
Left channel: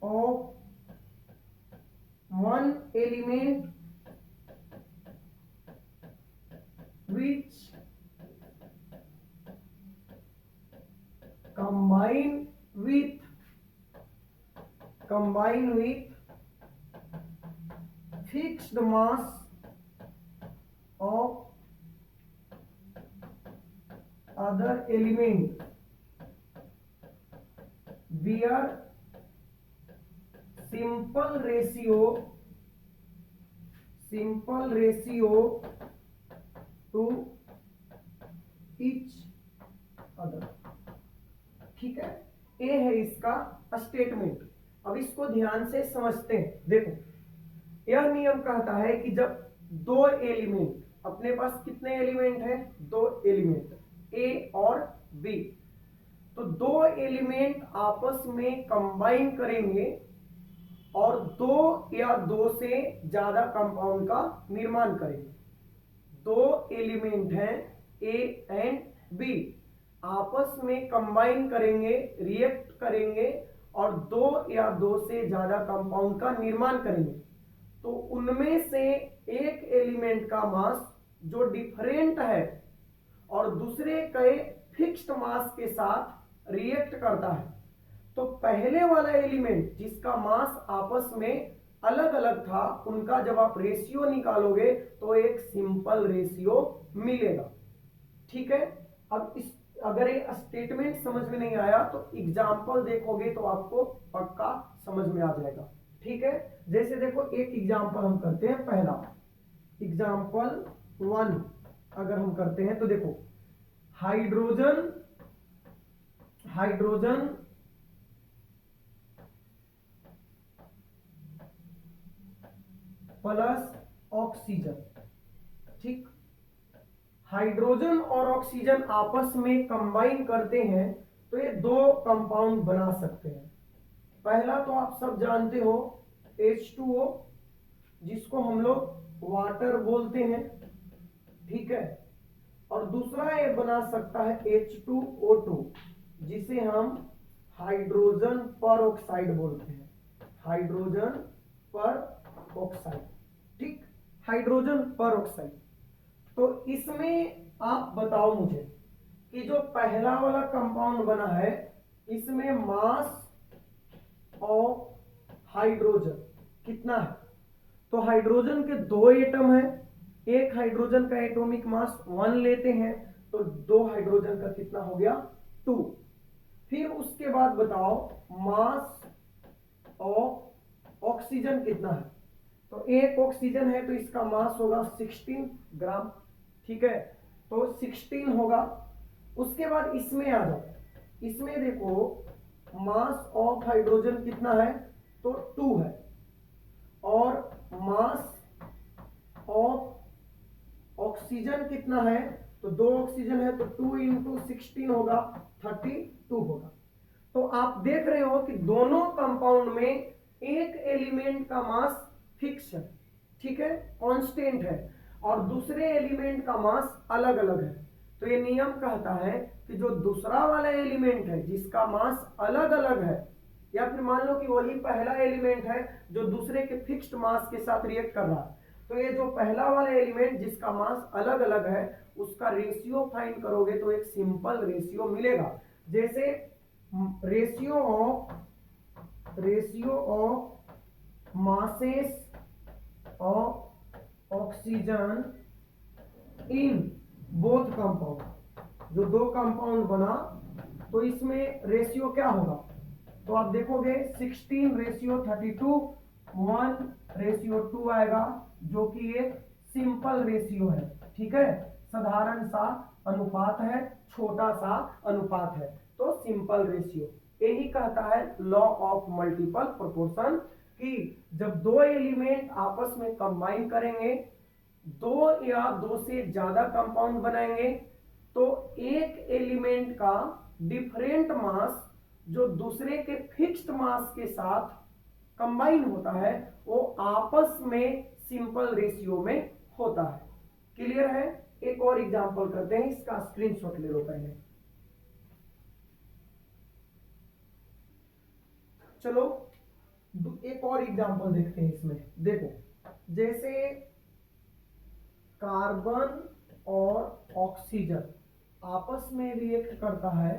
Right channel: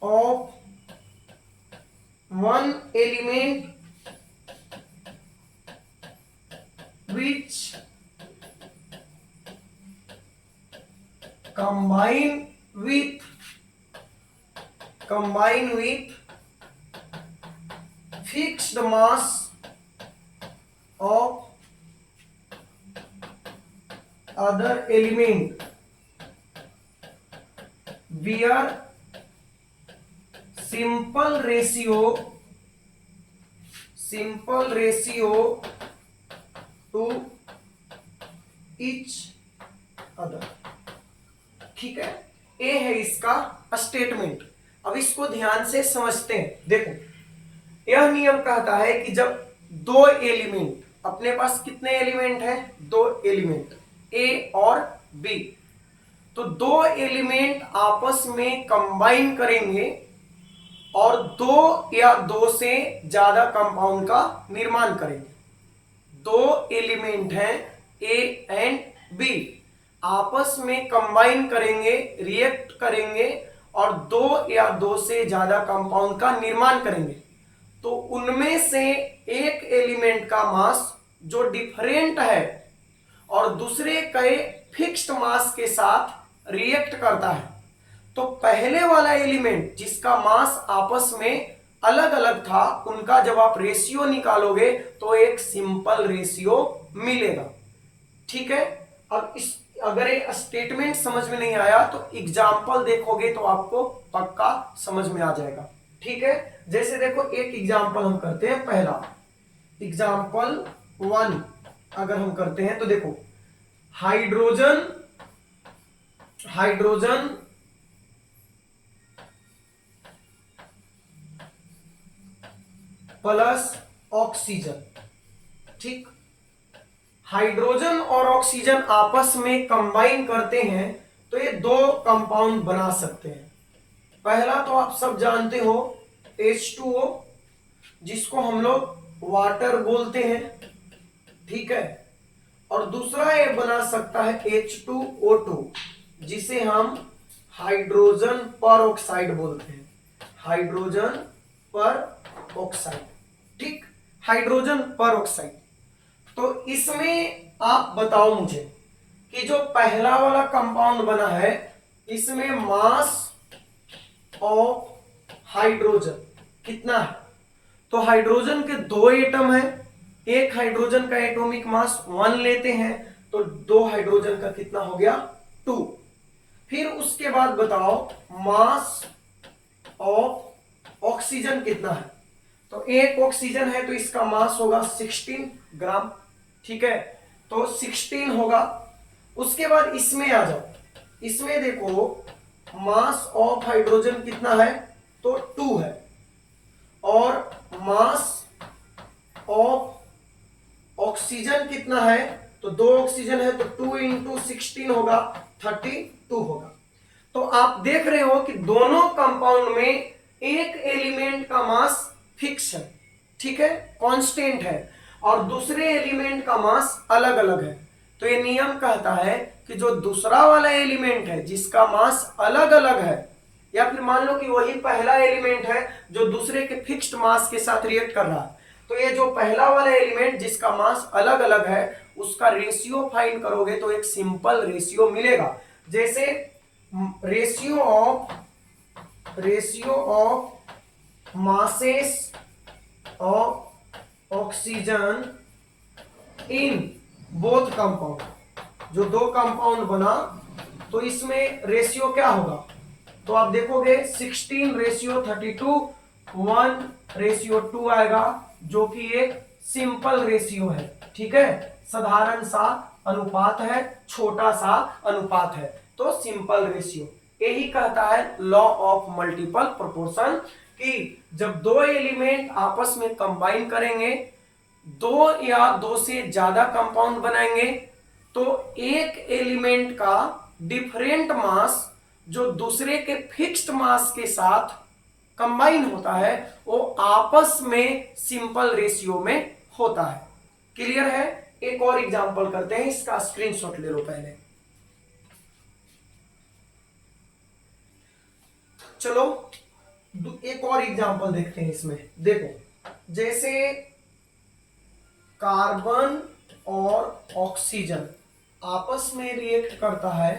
of one element which combine with fixed mass of other element where simple ratio to each other। ठीक है, ये है इसका स्टेटमेंट। अब इसको ध्यान से समझते हैं। देखो, यह नियम कहता है कि जब दो एलिमेंट, अपने पास कितने एलिमेंट हैं? दो एलिमेंट, ए और बी, तो दो एलिमेंट आपस में कंबाइन करेंगे और दो या दो से ज्यादा कंपाउंड का निर्माण करेंगे। दो एलिमेंट हैं ए एंड बी, आपस में कंबाइन करेंगे, रिएक्ट करेंगे और दो या दो से ज्यादा कंपाउंड का निर्माण करेंगे। तो उनमें से एक एलिमेंट का मास जो डिफरेंट है और दूसरे के फिक्स्ड मास के साथ रिएक्ट करता है, तो पहले वाला एलिमेंट जिसका मास आपस में अलग अलग था, उनका जब आप रेशियो निकालोगे तो एक सिंपल रेशियो मिलेगा। ठीक है। अब इस अगर ये स्टेटमेंट समझ में नहीं आया तो एग्जाम्पल देखोगे तो आपको पक्का समझ में आ जाएगा। ठीक है। जैसे देखो एक एग्जाम्पल हम करते हैं, पहला एग्जाम्पल 1 अगर हम करते हैं तो देखो हाइड्रोजन प्लस ऑक्सीजन। ठीक, हाइड्रोजन और ऑक्सीजन आपस में कंबाइन करते हैं तो ये दो कंपाउंड बना सकते हैं। पहला तो आप सब जानते हो H2O, जिसको हम लोग वाटर बोलते हैं। ठीक है। और दूसरा ये बना सकता है H2O2, जिसे हम हाइड्रोजन पर ऑक्साइड बोलते हैं। हाइड्रोजन पर ऑक्साइड। ठीक, हाइड्रोजन पर ऑक्साइड। तो इसमें आप बताओ मुझे कि जो पहला वाला कंपाउंड बना है, इसमें मास ऑफ हाइड्रोजन कितना है? तो हाइड्रोजन के दो एटम है, एक हाइड्रोजन का एटॉमिक मास 1 लेते हैं तो दो हाइड्रोजन का कितना हो गया? 2। फिर उसके बाद बताओ मास ऑफ ऑक्सीजन कितना है? तो एक ऑक्सीजन है तो इसका मास होगा 16 ग्राम। ठीक है, तो 16 होगा। उसके बाद इसमें आ जाओ, इसमें देखो मास ऑफ हाइड्रोजन कितना है? तो 2 है। और मास ऑफ ऑक्सीजन कितना है? तो दो ऑक्सीजन है तो 2 इंटू 16 होगा, 32 होगा। तो आप देख रहे हो कि दोनों कंपाउंड में एक एलिमेंट का मास फिक्स है, ठीक है, कांस्टेंट है, और दूसरे एलिमेंट का मास अलग अलग है। तो ये नियम कहता है कि जो दूसरा वाला एलिमेंट है जिसका मास अलग अलग है, या फिर मान लो कि वही पहला एलिमेंट है जो दूसरे के फिक्स्ड मास के साथ रिएक्ट कर रहा है, तो ये जो पहला वाला एलिमेंट जिसका मास अलग अलग है उसका रेशियो फाइंड करोगे तो एक सिंपल रेशियो मिलेगा। जैसे ratio of masses of oxygen in both compound, जो दो कंपाउंड बना तो इसमें रेशियो क्या होगा? तो आप देखोगे 16 रेशियो 32, 1 रेशियो 2 आएगा, जो कि एक सिंपल रेशियो है। ठीक है, साधारण सा अनुपात है, छोटा सा अनुपात है, तो सिंपल रेशियो। यही कहता है लॉ ऑफ मल्टीपल प्रोपोर्शन कि जब दो एलिमेंट आपस में कंबाइन करेंगे, दो या दो से ज्यादा कंपाउंड बनाएंगे, तो एक एलिमेंट का डिफरेंट मास जो दूसरे के फिक्स्ड मास के साथ कंबाइन होता है वो आपस में सिंपल रेशियो में होता है। क्लियर है? एक और एग्जांपल करते हैं, इसका स्क्रीनशॉट ले लो पहले। चलो एक और एग्जांपल देखते हैं इसमें। देखो जैसे कार्बन और ऑक्सीजन आपस में रिएक्ट करता है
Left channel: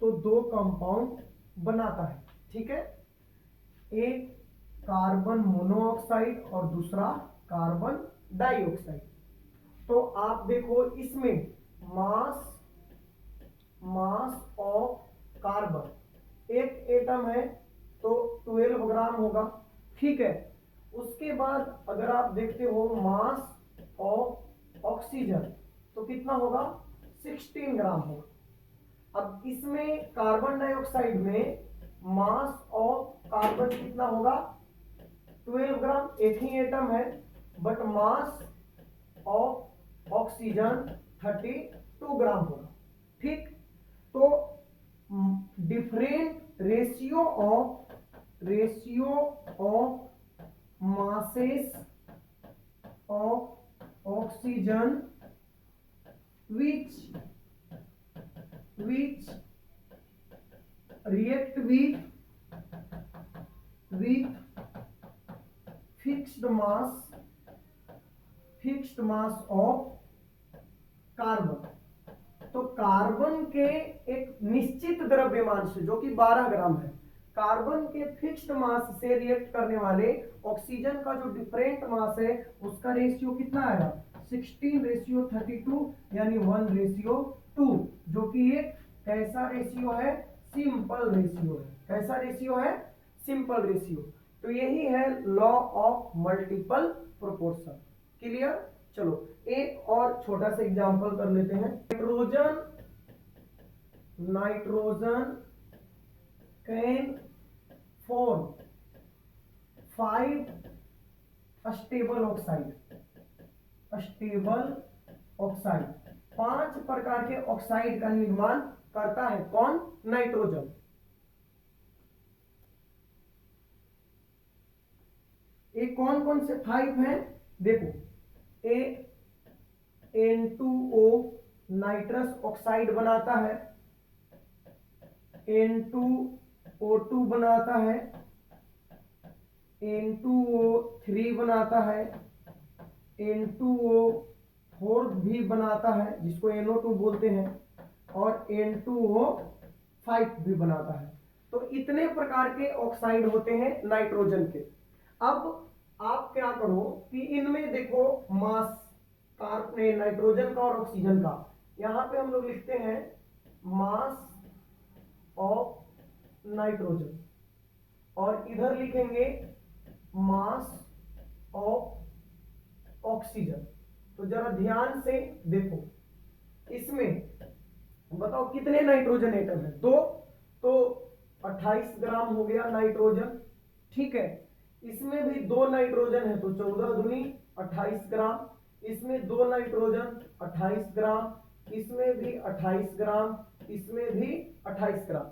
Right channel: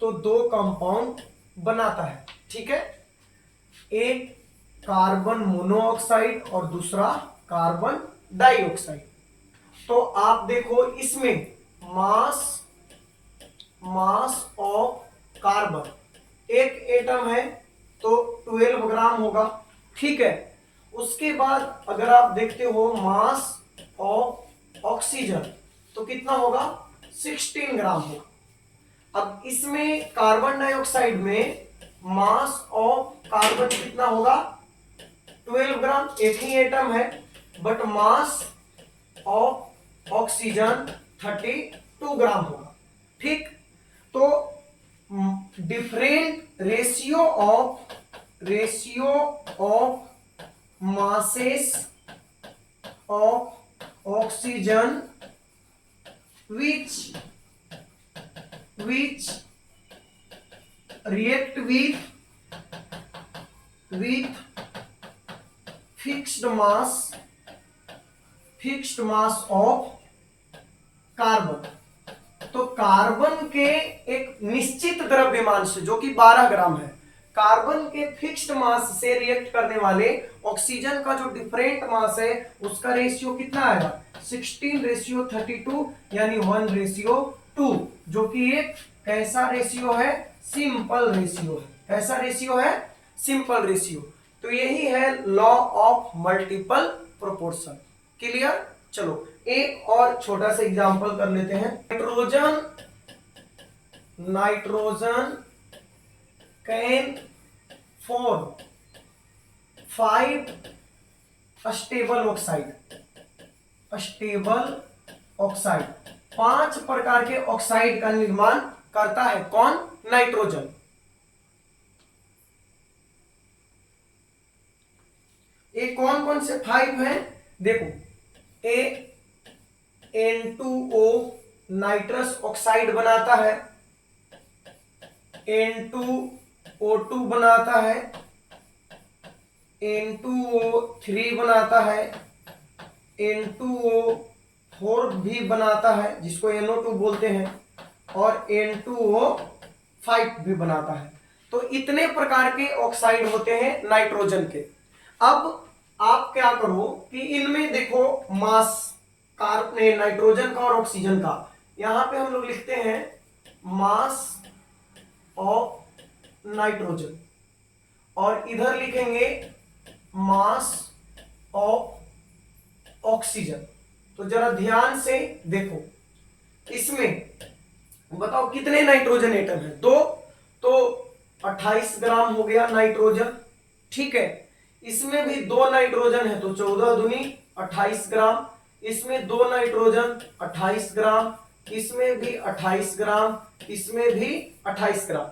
तो दो कंपाउंड बनाता है। ठीक है, एक कार्बन मोनोऑक्साइड और दूसरा कार्बन डाइऑक्साइड। तो आप देखो इसमें मास ऑफ कार्बन, एक एटम है तो 12 ग्राम होगा। ठीक है, उसके बाद अगर आप देखते हो मास ऑफ ऑक्सीजन तो कितना होगा? 16 ग्राम होगा। अब इसमें कार्बन डाइऑक्साइड में मास ऑफ कार्बन कितना होगा? 12 ग्राम, एक ही एटम है, बट मास ऑफ ऑक्सीजन 32 ग्राम होगा। ठीक, तो different ratio of ratio of masses of oxygen which react with fixed mass of carbon. तो कार्बन के एक निश्चित द्रव्यमान से जो कि 12 ग्राम है, कार्बन के फिक्स्ड मास से रिएक्ट करने वाले ऑक्सीजन का जो डिफरेंट मास है उसका रेशियो कितना आएगा 16:32 यानी 1:2, जो कि एक कैसा रेशियो है, सिंपल रेशियो है। कैसा रेशियो है, सिंपल रेशियो। तो यही है law of multiple proportion. Clear. चलो एक और छोटा सा एग्जांपल कर लेते हैं। Nitrogen can form 5 stable oxide, 5 प्रकार के ऑक्साइड का निर्माण करता है। कौन? नाइट्रोजन। ये कौन कौन से 5 हैं? देखो, N2O नाइट्रस ऑक्साइड बनाता है, N2O2 बनाता है, N2O3 बनाता है, N2O4 भी बनाता है जिसको NO2 बोलते हैं, और N2O5 भी बनाता है। तो इतने प्रकार के ऑक्साइड होते हैं नाइट्रोजन के। अब आप क्या करो कि इनमें देखो मास कार्बन नाइट्रोजन का और ऑक्सीजन का, यहां पे हम लोग लिखते हैं मास ऑफ नाइट्रोजन, और इधर लिखेंगे मास ऑफ ऑक्सीजन। तो जरा ध्यान से देखो, इसमें बताओ कितने नाइट्रोजन एटम है? 2, तो 28 ग्राम हो गया नाइट्रोजन। ठीक है, इसमें भी 2 नाइट्रोजन है तो 14 दूनी 28 ग्राम, इसमें 2 नाइट्रोजन 28 ग्राम, इसमें भी 28 ग्राम, इसमें भी 28 ग्राम,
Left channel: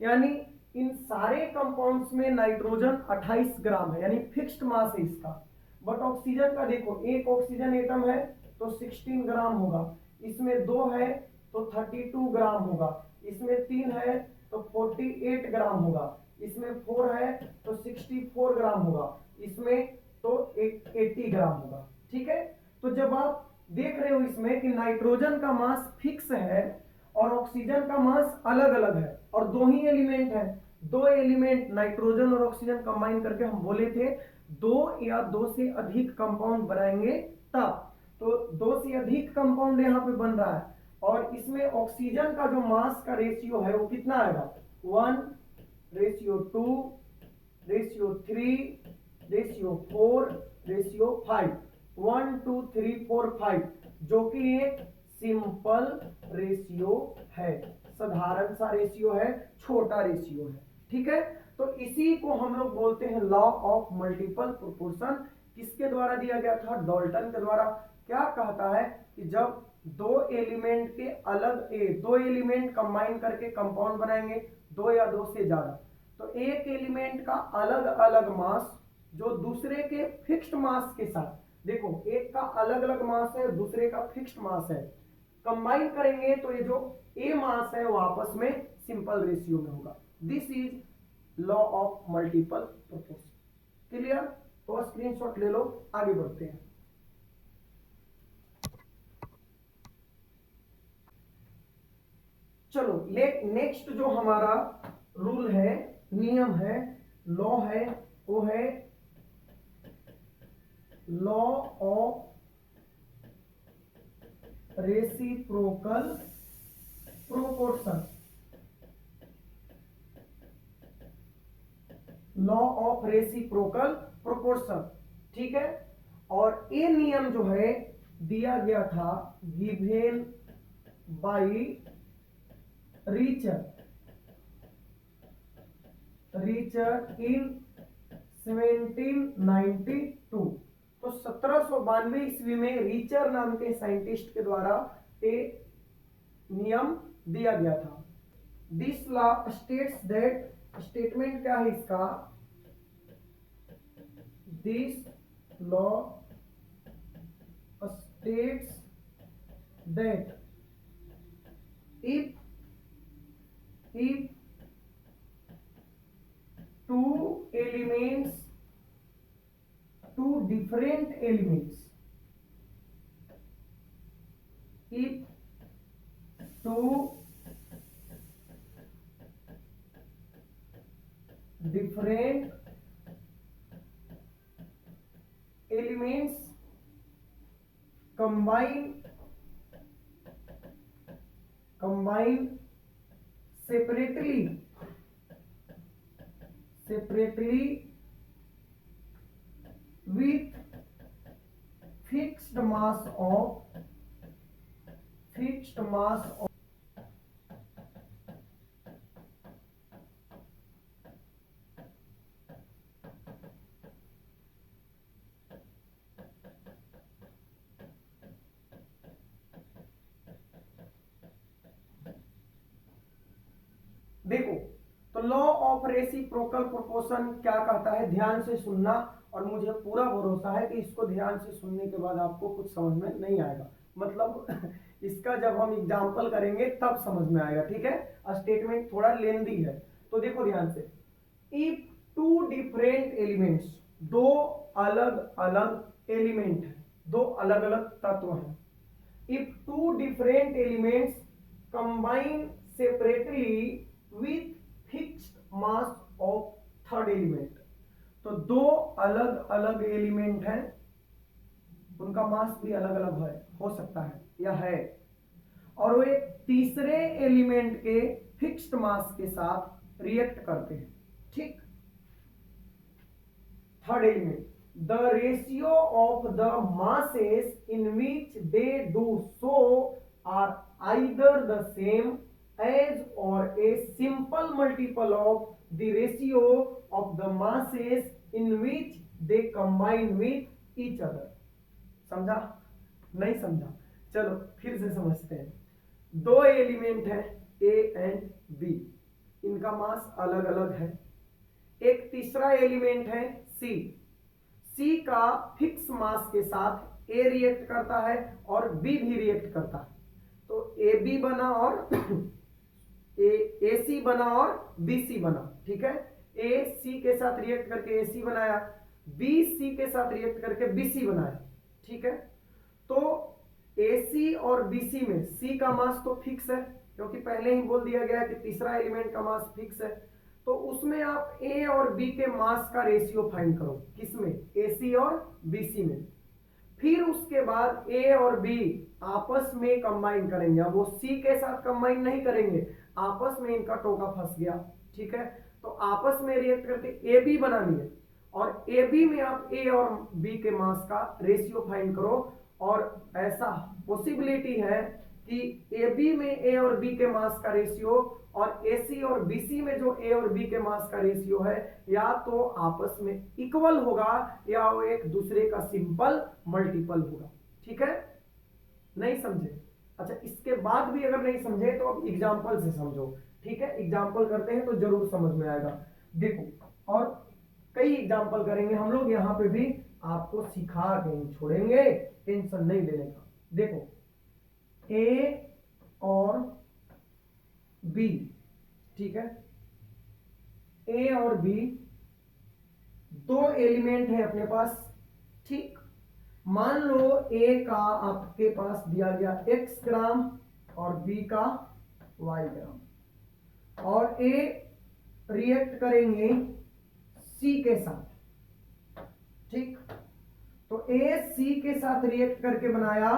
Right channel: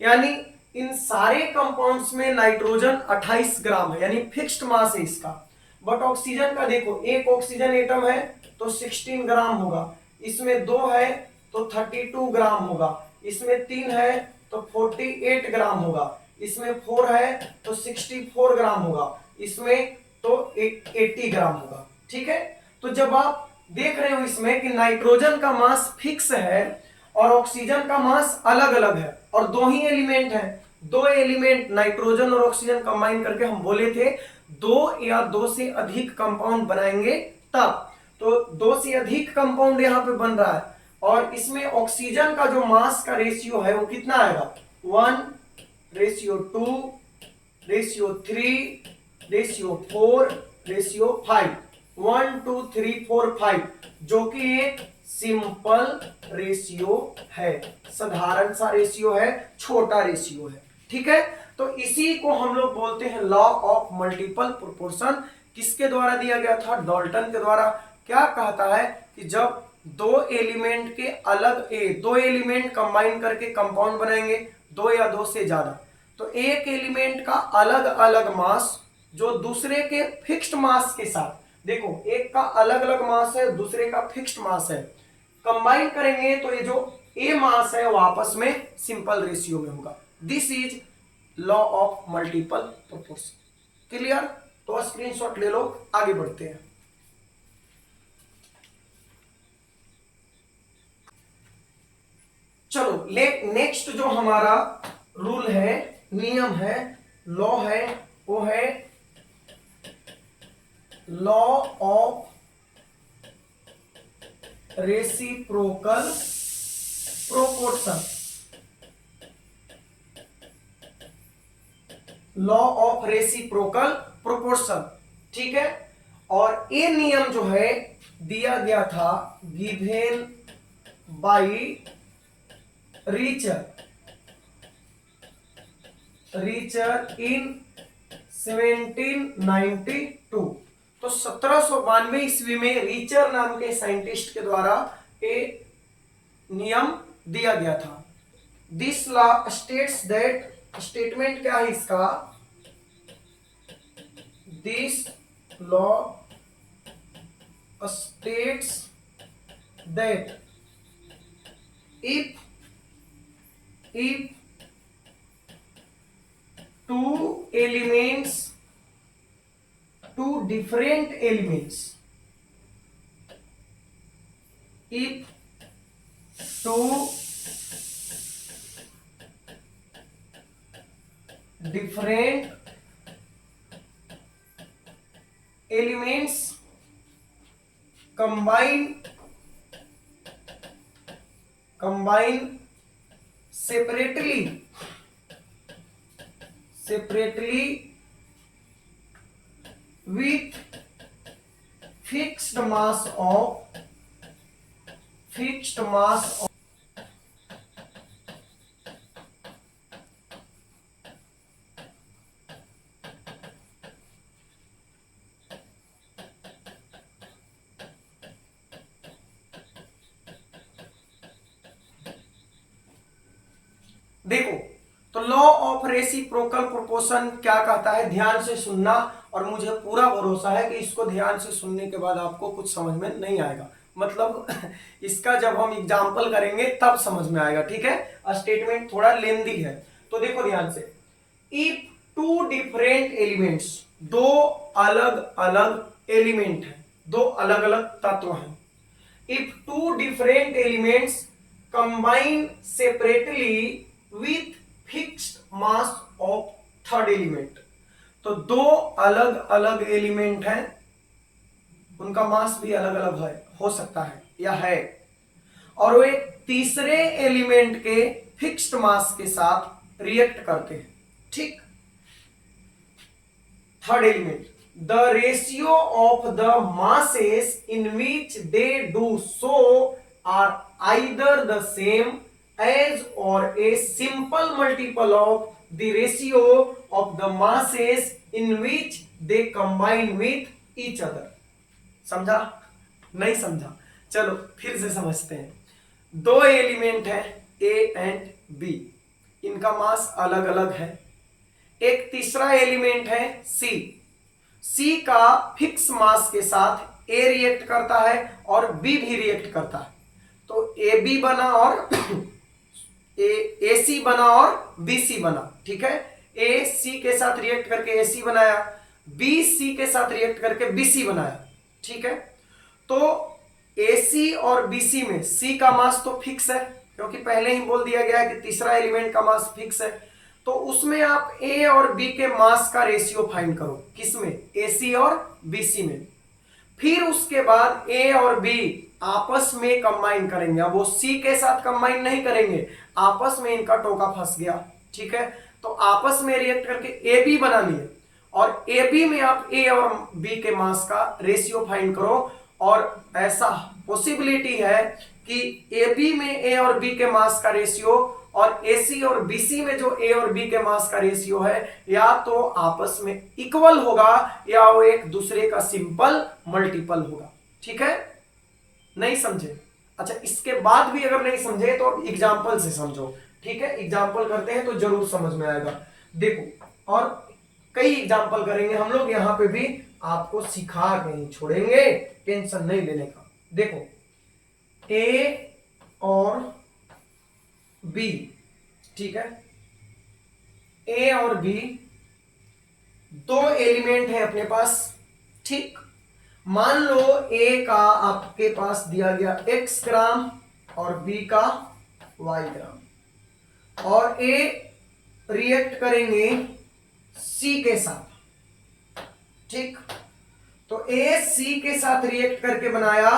यानी इन सारे कंपाउंड्स में नाइट्रोजन 28 ग्राम है, यानी फिक्स्ड मास है इसका। बट ऑक्सीजन का देखो, एक ऑक्सीजन एटम है तो 16 ग्राम होगा, इसमें 2 है तो 32 ग्राम होगा, इसमें 3 है तो 48 ग्राम होगा, इसमें 4 है तो 64 ग्राम होगा, इसमें तो 80 ग्राम होगा। ठीक है, तो जब आप देख रहे हो इसमें कि नाइट्रोजन का मास फिक्स है और ऑक्सीजन का मास अलग अलग है, और 2 ही एलिमेंट है, 2 एलिमेंट नाइट्रोजन और ऑक्सीजन कंबाइन करके हम बोले थे 2 या 2 से अधिक कंपाउंड बनाएंगे तब। तो 2 से अधिक कंपाउंड यहाँ पे बन रहा है, और इसमें ऑक्सीजन का जो मास का रेशियो है वो कितना आएगा 1:2, 3:4, 5, 1 2 3 4 5, जो कि एक सिंपल रेशियो है, साधारण सा रेशियो है, छोटा रेशियो है। ठीक है, तो इसी को हम लोग बोलते हैं लॉ ऑफ मल्टीपल प्रोपोर्शन। किसके द्वारा दिया गया था? डाल्टन के द्वारा। क्या कहता है कि जब 2 एलिमेंट के अलग 2 एलिमेंट कंबाइन करके कंपाउंड बनाएंगे, 2 या 2 से ज्यादा, तो एक एलिमेंट का अलग अलग मास जो दूसरे के फिक्स्ड मास के साथ, देखो एक का अलग अलग मास है, दूसरे का फिक्स्ड मास है, कंबाइन करेंगे तो ये जो ए मास है वो आपस में सिंपल रेशियो में होगा। This is law of multiple proportion. Clear? तो स्क्रीनशॉट ले लो, आगे बढ़ते हैं। चलो नेक्स्ट जो हमारा रूल है, नियम है, लॉ है, वो है law of reciprocal proportion. Law of reciprocal proportion. ठीक है, और ये नियम जो है दिया गया था गिवेन बाई रीचर इन 1792। तो 1792 ईस्वी में रीचर नाम के साइंटिस्ट के द्वारा ये नियम दिया गया था। This law states that, statement क्या है इसका, This law states that if two elements, two different elements, if two different elements combine separately with fixed mass of देखो, तो लॉ ऑफ रेसिप्रोकल प्रोपोर्शन क्या कहता है, ध्यान से सुनना, और मुझे पूरा भरोसा है कि इसको ध्यान से सुनने के बाद आपको कुछ समझ में नहीं आएगा, मतलब इसका जब हम एग्जाम्पल करेंगे तब समझ में आएगा, ठीक है। स्टेटमेंट थोड़ा लेंदी है, तो देखो ध्यान से। इफ टू डिफरेंट एलिमेंट्स, दो अलग अलग एलिमेंट है, दो अलग अलग तत्व हैं। If two different elements combine separately with fixed mass of third element, तो दो अलग अलग एलिमेंट हैं, उनका मास भी अलग अलग है, हो सकता है या है, और वे तीसरे एलिमेंट के फिक्स्ड मास के साथ रिएक्ट करते हैं, ठीक। Third element, the ratio of the masses in which they do so are either the same as or a simple multiple of the ratio of the masses in which they combine with each other। समझा? नहीं समझा? चलो फिर से समझते हैं। दो एलिमेंट है A एंड B, इनका मास अलग अलग है। एक तीसरा एलिमेंट है C का फिक्स मास के साथ A रिएक्ट करता है और B भी रिएक्ट करता है, तो AB बना और AC बना और BC बना, ठीक है। AC के साथ रिएक्ट करके AC बनाया, BC के साथ रिएक्ट करके BC बनाया, ठीक है। तो AC और BC में C का मास तो फिक्स है, क्योंकि पहले ही बोल दिया गया है कि तीसरा एलिमेंट का मास फिक्स है, तो उसमें आप A और B के मास का रेशियो फाइंड करो, किसमें, AC और BC में। फिर उसके बाद A और B आपस में कंबाइन करेंगे, अब वो C के साथ कंबाइन नहीं करेंगे, आपस में इनका टोका फंस गया, ठीक है। तो आपस में रिएक्ट करके AB बना लिए, और AB में आप A और B के मास का रेशियो फाइंड करो, और ऐसा पॉसिबिलिटी है कि AB में A और B के मास का रेशियो और AC और BC में जो A और B के मास का रेशियो है, या तो आपस में इक्वल होगा या वो एक दूसरे का सिंपल मल्टीपल होगा, ठीक है। नहीं समझे? अच्छा, इसके बाद भी अगर नहीं समझे तो अब एग्जाम्पल से समझो, ठीक है। एग्जाम्पल करते हैं तो जरूर समझ में आएगा। देखो, और कई एग्जाम्पल करेंगे हम लोग, यहां पे भी आपको सिखा के ही छोड़ेंगे, टेंशन नहीं लेने का। देखो, A और B, ठीक है, A और B दो एलिमेंट है अपने पास, ठीक। मान लो A का आपके पास दिया गया x ग्राम और B का y ग्राम, और A रिएक्ट करेंगे C के साथ, ठीक। तो A C के साथ रिएक्ट करके बनाया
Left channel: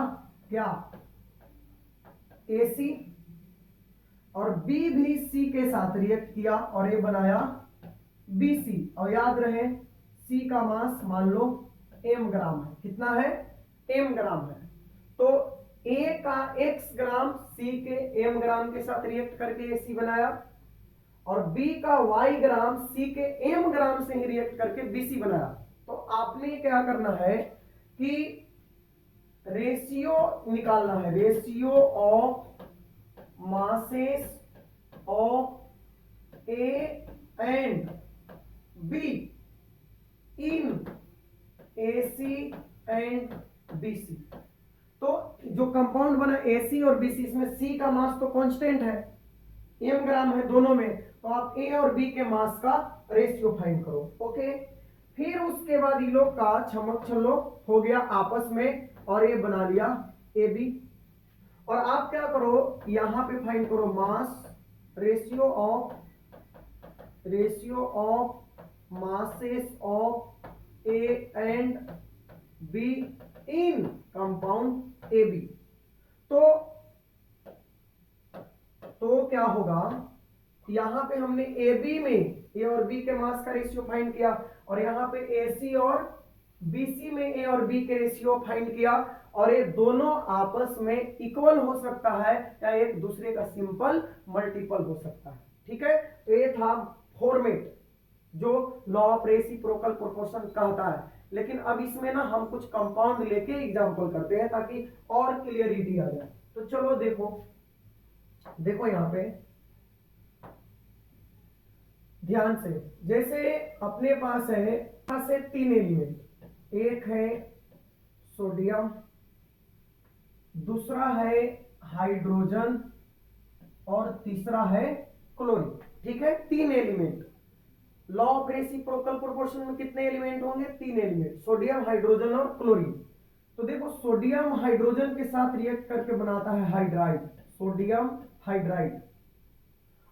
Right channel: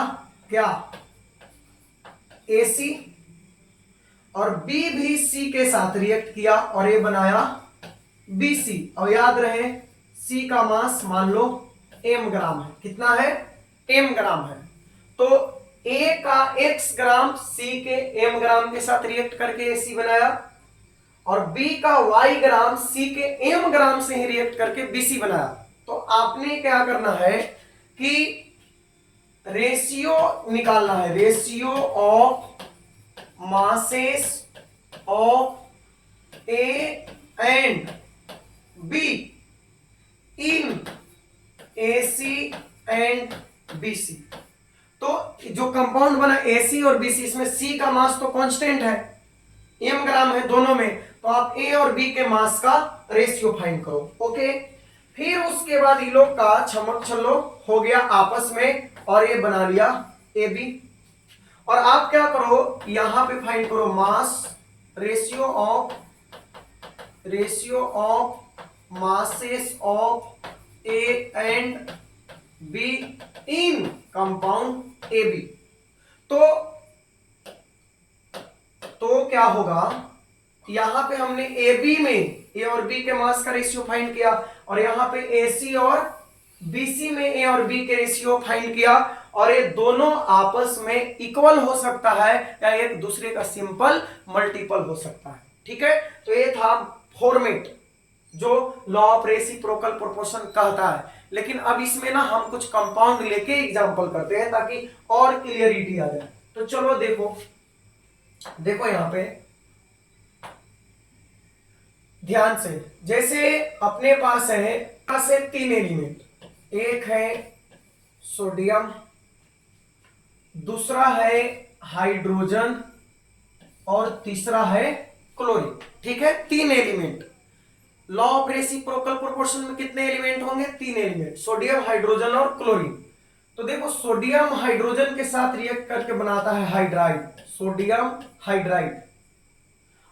क्या, AC, और B भी C के साथ रिएक्ट किया और A बनाया BC। और याद रहे C का मास मान लो m ग्राम है, कितना है, m ग्राम है। तो A का x ग्राम C के m ग्राम के साथ रिएक्ट करके AC बनाया, और B का y ग्राम C के m ग्राम से ही रिएक्ट करके BC बनाया। तो आपने क्या करना है कि रेशियो निकालना है, ratio of masses of A and B in AC and BC। तो जो कंपाउंड बना AC और BC, इसमें C का मास तो कांस्टेंट है, m ग्राम है दोनों में, तो आप A और B के मास का रेशियो फाइंड करो। ओके, फिर उसके बाद इन लोग का छमक छल्लो हो गया आपस में और ये बना लिया AB। और आप क्या करो, यहां पे फाइंड करो mass, ratio of masses of A and B in compound AB। तो क्या होगा, यहां पे हमने AB में A और B के मास का रेशियो फाइंड किया, और यहां पे AC और BC में A और B के रेशियो फाइंड किया, और ये दोनों आपस में इक्वल हो सकता है या एक दूसरे का सिंपल मल्टीपल हो सकता है। ठीक है, तो ये था फॉर्मेट जो लॉ ऑफ रेसिप्रोकल प्रोपोर्शन कहता है। लेकिन अब इसमें ना हम कुछ कंपाउंड लेके एग्जांपल करते हैं ताकि और क्लियरिटी आ जाए। तो चलो देखो यहां पे ध्यान से, जैसे अपने पास है 3 एलिमेंट, एक है सोडियम, दूसरा है हाइड्रोजन और तीसरा है क्लोरीन। ठीक है, 3 element. Law of reciprocal proportion में कितने एलिमेंट होंगे, 3 एलिमेंट, सोडियम, हाइड्रोजन और क्लोरीन। तो देखो सोडियम हाइड्रोजन के साथ रिएक्ट करके बनाता है हाइड्राइड, सोडियम हाइड्राइड,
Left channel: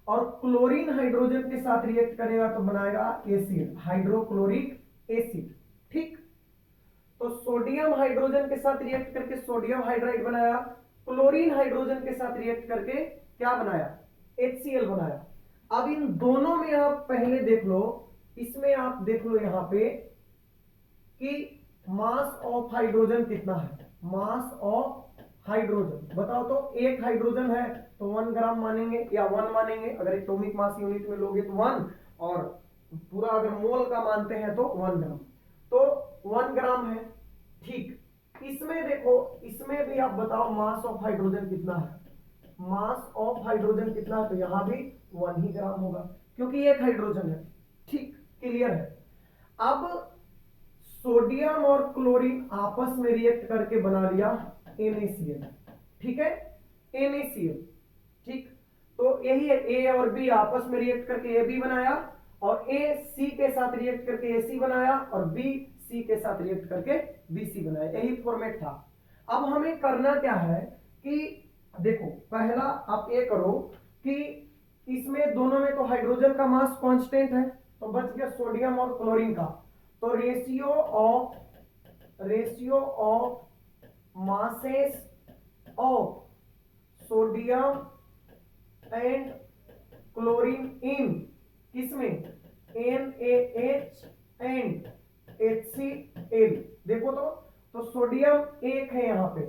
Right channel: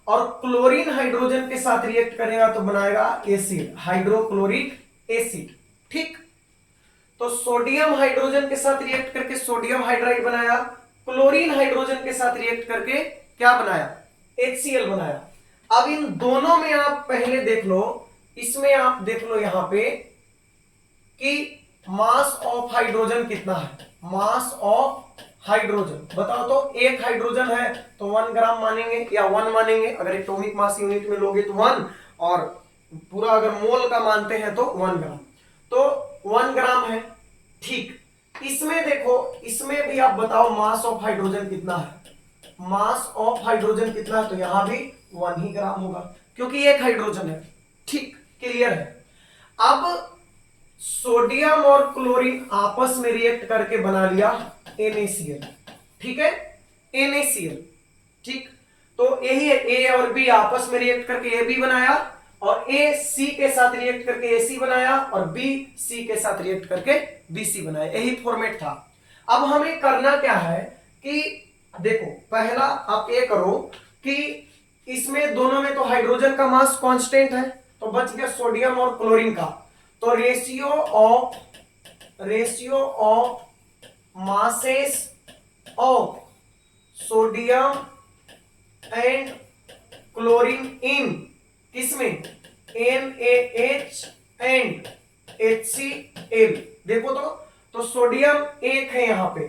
और क्लोरीन हाइड्रोजन के साथ रिएक्ट करेगा तो बनाएगा एसिड, हाइड्रोक्लोरिक एसिड। ठीक, तो सोडियम हाइड्रोजन के साथ रिएक्ट करके सोडियम हाइड्राइड बनाया, क्लोरीन हाइड्रोजन के साथ रिएक्ट करके क्या बनाया, HCl बनाया। अब इन दोनों में आप पहले देख लो, इसमें आप देख लो यहां पे कि मास ऑफ हाइड्रोजन कितना है, मास ऑफ हाइड्रोजन बताओ। तो एक हाइड्रोजन है तो 1 ग्राम मानेंगे या 1 मानेंगे, अगर एटॉमिक मास यूनिट में लोगे तो 1, और पूरा अगर मोल का मानते हैं तो 1 ग्राम, तो 1 ग्राम है। ठीक, इसमें देखो, इसमें भी आप बताओ मास ऑफ हाइड्रोजन कितना है, मास ऑफ हाइड्रोजन कितना है, तो यहां भी 1 ही ग्राम होगा क्योंकि एक हाइड्रोजन है। ठीक, क्लियर है। अब सोडियम और क्लोरीन आपस में रिएक्ट करके बना लिया NaCl। ठीक है, NaCl। ठीक, तो यही है, A और B आपस में रिएक्ट करके AB बनाया, और A C के साथ रिएक्ट करके AC बनाया, और B C के साथ रिएक्ट करके BC बनाया। यही फॉर्मेट था। अब हमें करना क्या है कि देखो, पहला आप ये करो कि इसमें दोनों में तो हाइड्रोजन का मास कांस्टेंट है, तो बच गया सोडियम और क्लोरीन का, तो ratio of masses of sodium and chlorine in किसमें, NaH एंड HCl। देखो तो सोडियम एक है, यहां पे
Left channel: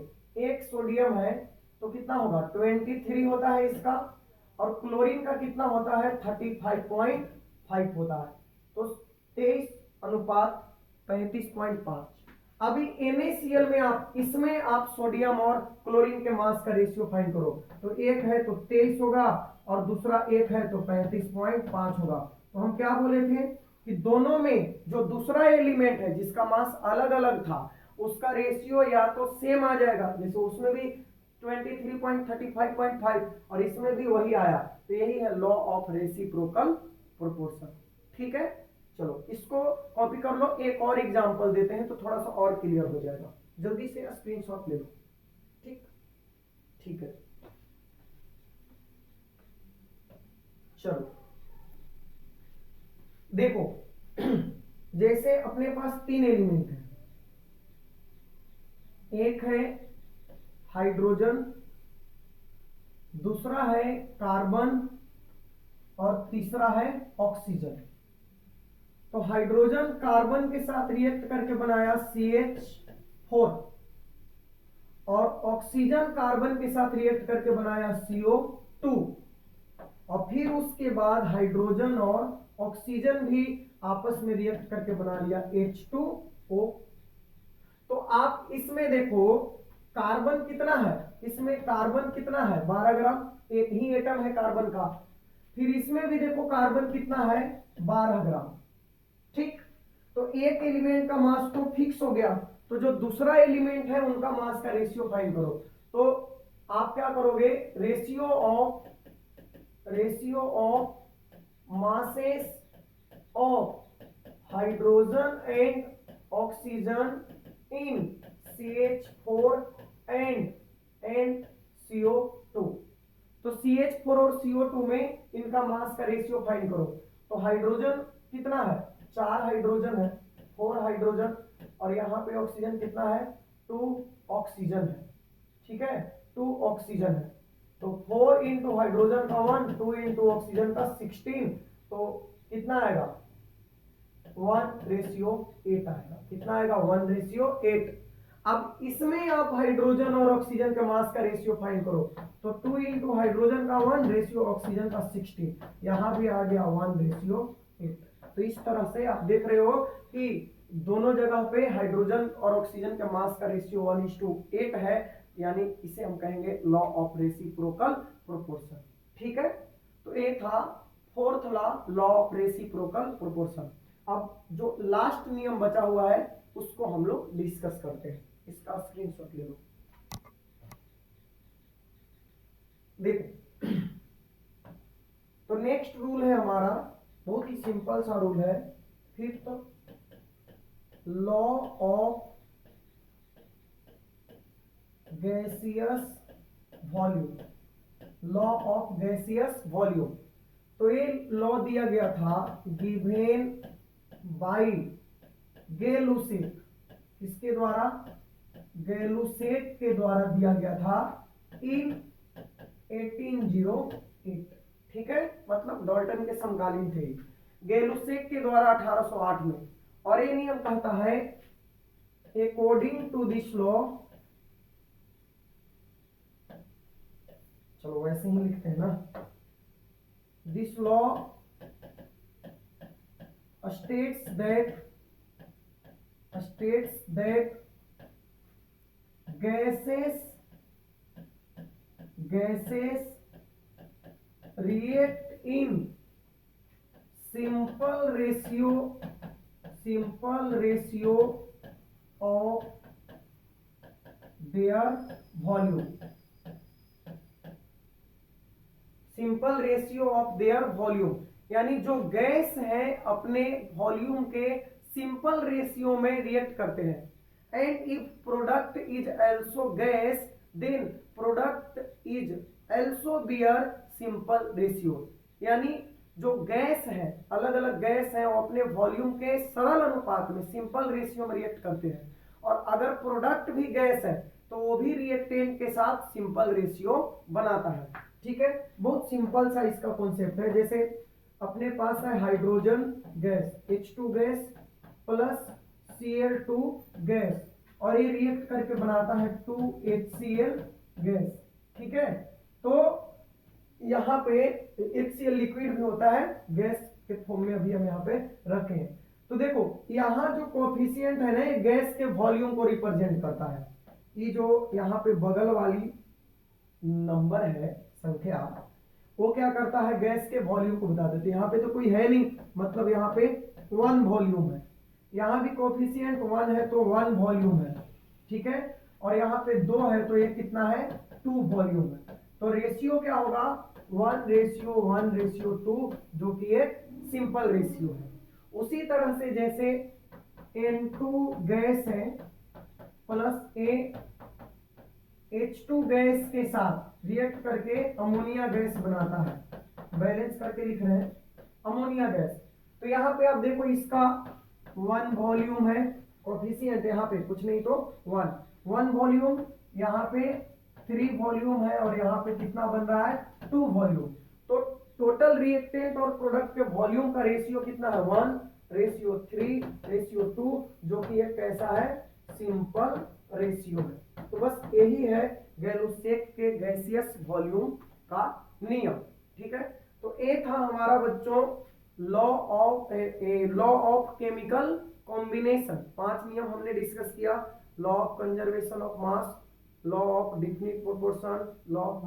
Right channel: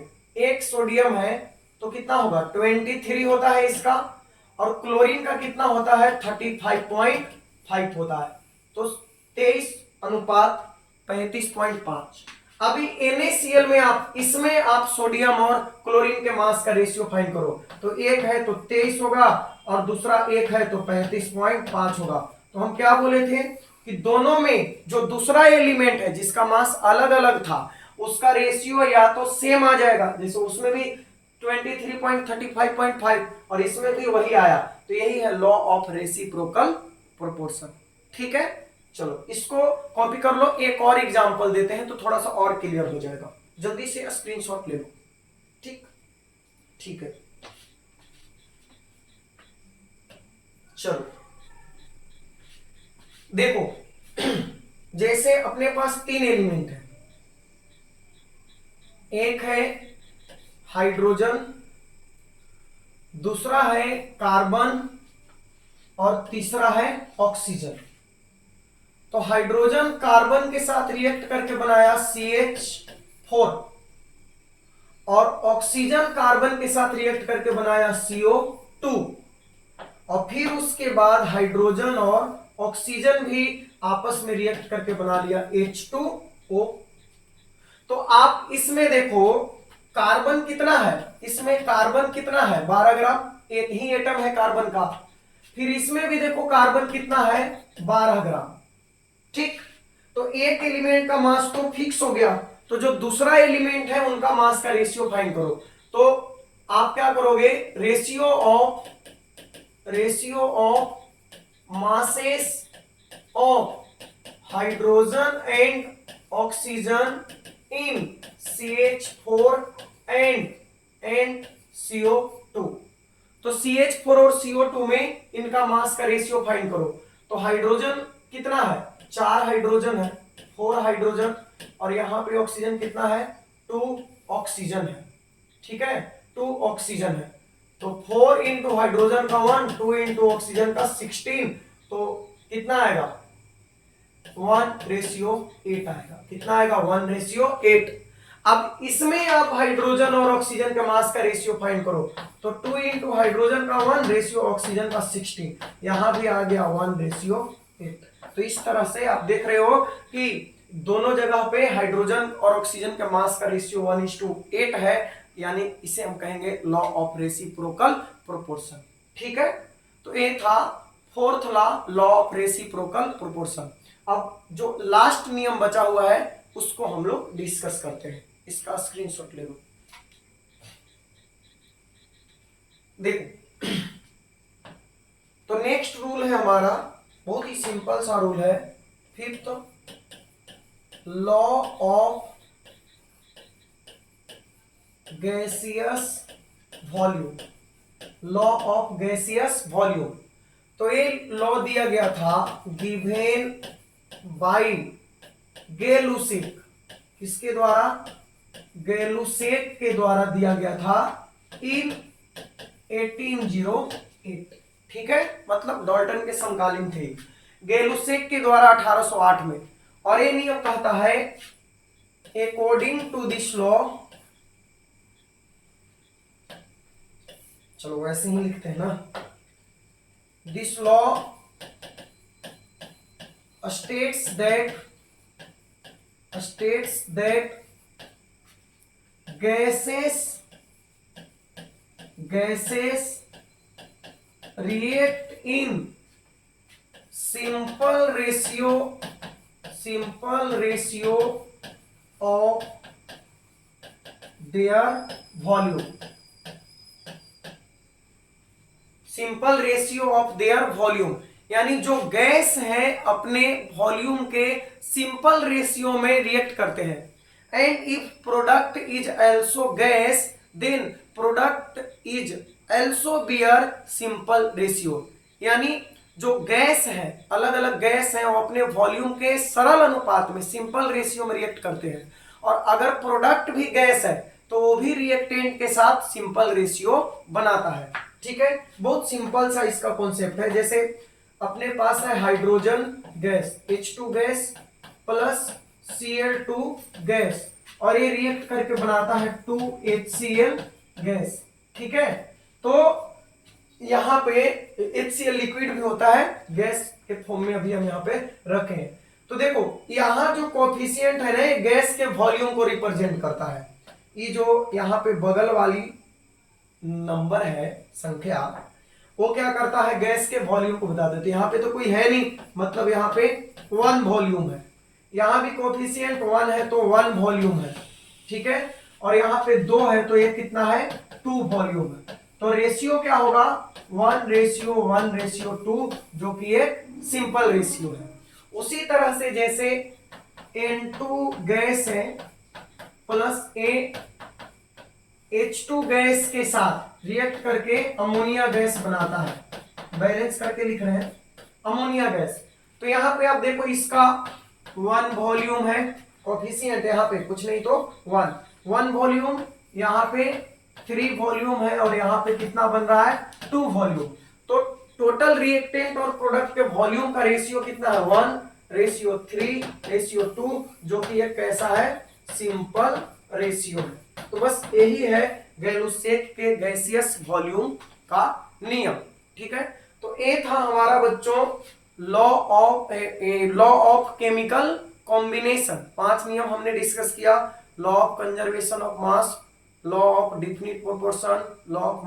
एक सोडियम है तो कितना होगा, 23 होता है इसका, और क्लोरीन का कितना होता है, 35.5 होता है, तो 23:35.5। अभी NaCl में आप, इसमें आप सोडियम और क्लोरीन के मास का रेशियो फाइंड करो, तो एक है तो 23 होगा और दूसरा एक है तो 35.5 होगा। तो हम क्या बोले थे कि दोनों में जो दूसरा एलिमेंट है जिसका मास अलग अलग था उसका रेशियो या तो सेम आ जाएगा, जैसे उसमें भी 23.35.5 और इसमें भी वही आया, तो यही है लॉ ऑफ रेसिप्रोकल प्रोपोर्शन। ठीक है, चलो इसको कॉपी कर लो, एक और एग्जांपल देते हैं तो थोड़ा सा और क्लियर हो जाएगा। जल्दी से स्क्रीनशॉट ले लो। ठीक, ठीक है, चलो देखो जैसे अपने पास 3 एलिमेंट है, एक है हाइड्रोजन, दूसरा है कार्बन और तीसरा है ऑक्सीजन। तो हाइड्रोजन कार्बन के साथ रिएक्ट करके बनाया CH4, और ऑक्सीजन कार्बन के साथ रिएक्ट करके बनाया CO2, और फिर उसके बाद हाइड्रोजन और ऑक्सीजन भी आपस में रिएक्ट करके बना लिया H2O। तो आप इसमें देखो कार्बन कितना है, इसमें कार्बन कितना है 12 ग्राम, एक ही एटम है कार्बन का। फिर इसमें भी देखो कार्बन कितना है 12 ग्राम। ठीक, तो एक एलिमेंट का मास तो फिक्स हो गया, तो जो दूसरा एलिमेंट है उनका मास का रेशियो फाइंड करो। तो आप क्या करोगे, ratio of masses of hydrogen and oxygen in CH4 and CO2। तो CH4 और CO2 में इनका मास का रेशियो फाइंड करो। तो हाइड्रोजन कितना है, 4 हाइड्रोजन है, 4 हाइड्रोजन, और यहां पे ऑक्सीजन कितना है, 2 ऑक्सीजन है। ठीक है, 2 ऑक्सीजन है। तो 4 इंटू हाइड्रोजन का 1, 2 इंटू ऑक्सीजन का 16, तो कितना आएगा, 1:8 आएगा। कितना आएगा, 1:8। अब इसमें आप हाइड्रोजन और ऑक्सीजन के मास का रेशियो फाइंड करो। तो 2 इंटू हाइड्रोजन का 1 रेशियो ऑक्सीजन का 16, यहां भी आ गया 1:8। तो इस तरह से आप देख रहे हो कि दोनों जगह पे हाइड्रोजन और ऑक्सीजन के मास का रेशियो 1:8 है, यानी इसे हम कहेंगे लॉ ऑफ रेसिप्रोकल प्रोपोर्शन। ठीक है, तो ये था fourth law of reciprocal proportion. अब जो लास्ट नियम बचा हुआ है उसको हम लोग डिस्कस करते हैं। इसका स्क्रीनशॉट ले लो। देखो, तो नेक्स्ट रूल है हमारा, बहुत ही सिंपल सा रूल है, fifth law of gaseous volume. Law of gaseous volume, तो ये लॉ दिया गया था गिवेन बाय गै-लुसेक। किसके द्वारा, गै-लुसेक के द्वारा दिया गया था इन 1808। ठीक है, मतलब डाल्टन के समकालीन थे, गै-लुसेक के द्वारा 1808 में। और ये नियम कहता है अकॉर्डिंग टू दिस लॉ, चलो वैसे ही लिखते हैं ना, this law states that gases react in simple ratio of their volume। Simple ratio of their volume, यानी जो गैस है अपने वॉल्यूम के सिंपल रेशियो में रिएक्ट करते हैं। And if product is also gas then product is also bear simple ratio, यानी जो गैस है, अलग अलग गैस है, वो अपने वॉल्यूम के सरल अनुपात में सिंपल रेशियो में रिएक्ट करते हैं। और अगर प्रोडक्ट भी गैस है तो वो भी रिएक्टेंट के साथ सिंपल रेशियो बनाता है। ठीक है, बहुत सिंपल सा इसका कॉन्सेप्ट है। जैसे अपने पास है hydrogen gas H2 gas plus Cl2 gas, और ये रिएक्ट करके बनाता है 2HCl गैस। ठीक है, तो यहाँ पे HCl लिक्विड भी होता है, गैस के फॉर्म में अभी हम यहाँ पे रखे हैं। तो देखो यहाँ जो कोफिशिएंट है ना, ये गैस के वॉल्यूम को रिप्रेजेंट करता है। ये जो यहाँ पे बगल वाली नंबर है, संख्या, वो क्या करता है, गैस के वॉल्यूम को बता देते हैं। यहाँ पे तो कोई है नहीं, मतलब यहाँ पे 1 वॉल्यूम है, यहाँ भी कोफिशिएंट 1 है तो 1 वॉल्यूम है। ठीक है, और यहाँ पे 2 है तो ये कितना है, 2 वॉल्यूम है। तो रेशियो क्या होगा, 1:1:2, जो कि एक सिंपल रेशियो है। उसी तरह से जैसे N2 गैस है प्लस H2 गैस के साथ रिएक्ट करके अमोनिया गैस बनाता है, बैलेंस करके लिख रहे हैं अमोनिया गैस। तो यहाँ पे आप देखो इसका 1 वॉल्यूम है, कोफिशिएंट यहाँ पे कुछ नहीं तो 1 वॉल्यूम, यहाँ पे 3 वॉल्यूम है, और यहाँ पे कितना बन रहा है, 2 वॉल्यूम। तो टोटल रिएक्टेंट और प्रोडक्ट के वॉल्यूम का रेशियो कितना है, 1:3:2, जो कि एक कैसा है, सिंपल रेशियो है। तो बस यही है गै-लुसेक के गैसियस वॉल्यूम का नियम। ठीक है, तो ये था हमारा बच्चों लॉ ऑफ केमिकल कॉम्बिनेशन। 5 नियम हमने डिस्कस किया, law of conservation of mass, law of definite proportion, law of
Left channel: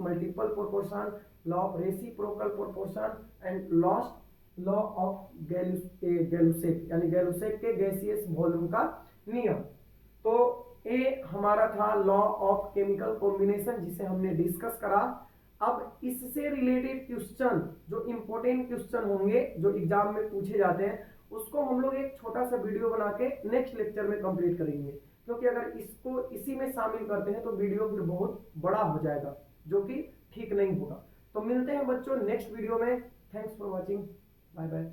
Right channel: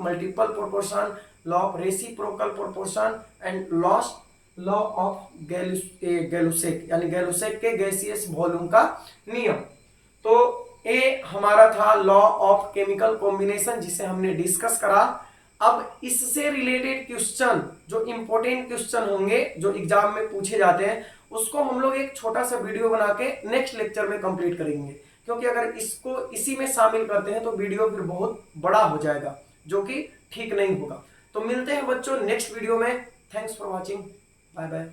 multiple proportion, law of reciprocal proportion and law of Gay-Lussac यानी गैलुसेक के गैसियस वॉल्यूम का नियम। तो ए हमारा था लॉ ऑफ केमिकल कॉम्बिनेशन जिसे हमने डिस्कस करा। अब इससे रिलेटेड क्वेश्चन जो इंपॉर्टेंट क्वेश्चन होंगे जो एग्जाम में पूछे जाते हैं उसको हम लोग एक छोटा सा वीडियो बना के नेक्स्ट लेक्चर में कंप्लीट करेंगे, क्योंकि अगर इसको इसी में शामिल करते हैं तो वीडियो फिर बहुत बड़ा हो जाएगा जो कि ठीक नहीं होगा। तो मिलते हैं बच्चों नेक्स्ट वीडियो में। Thanks for watching, bye bye.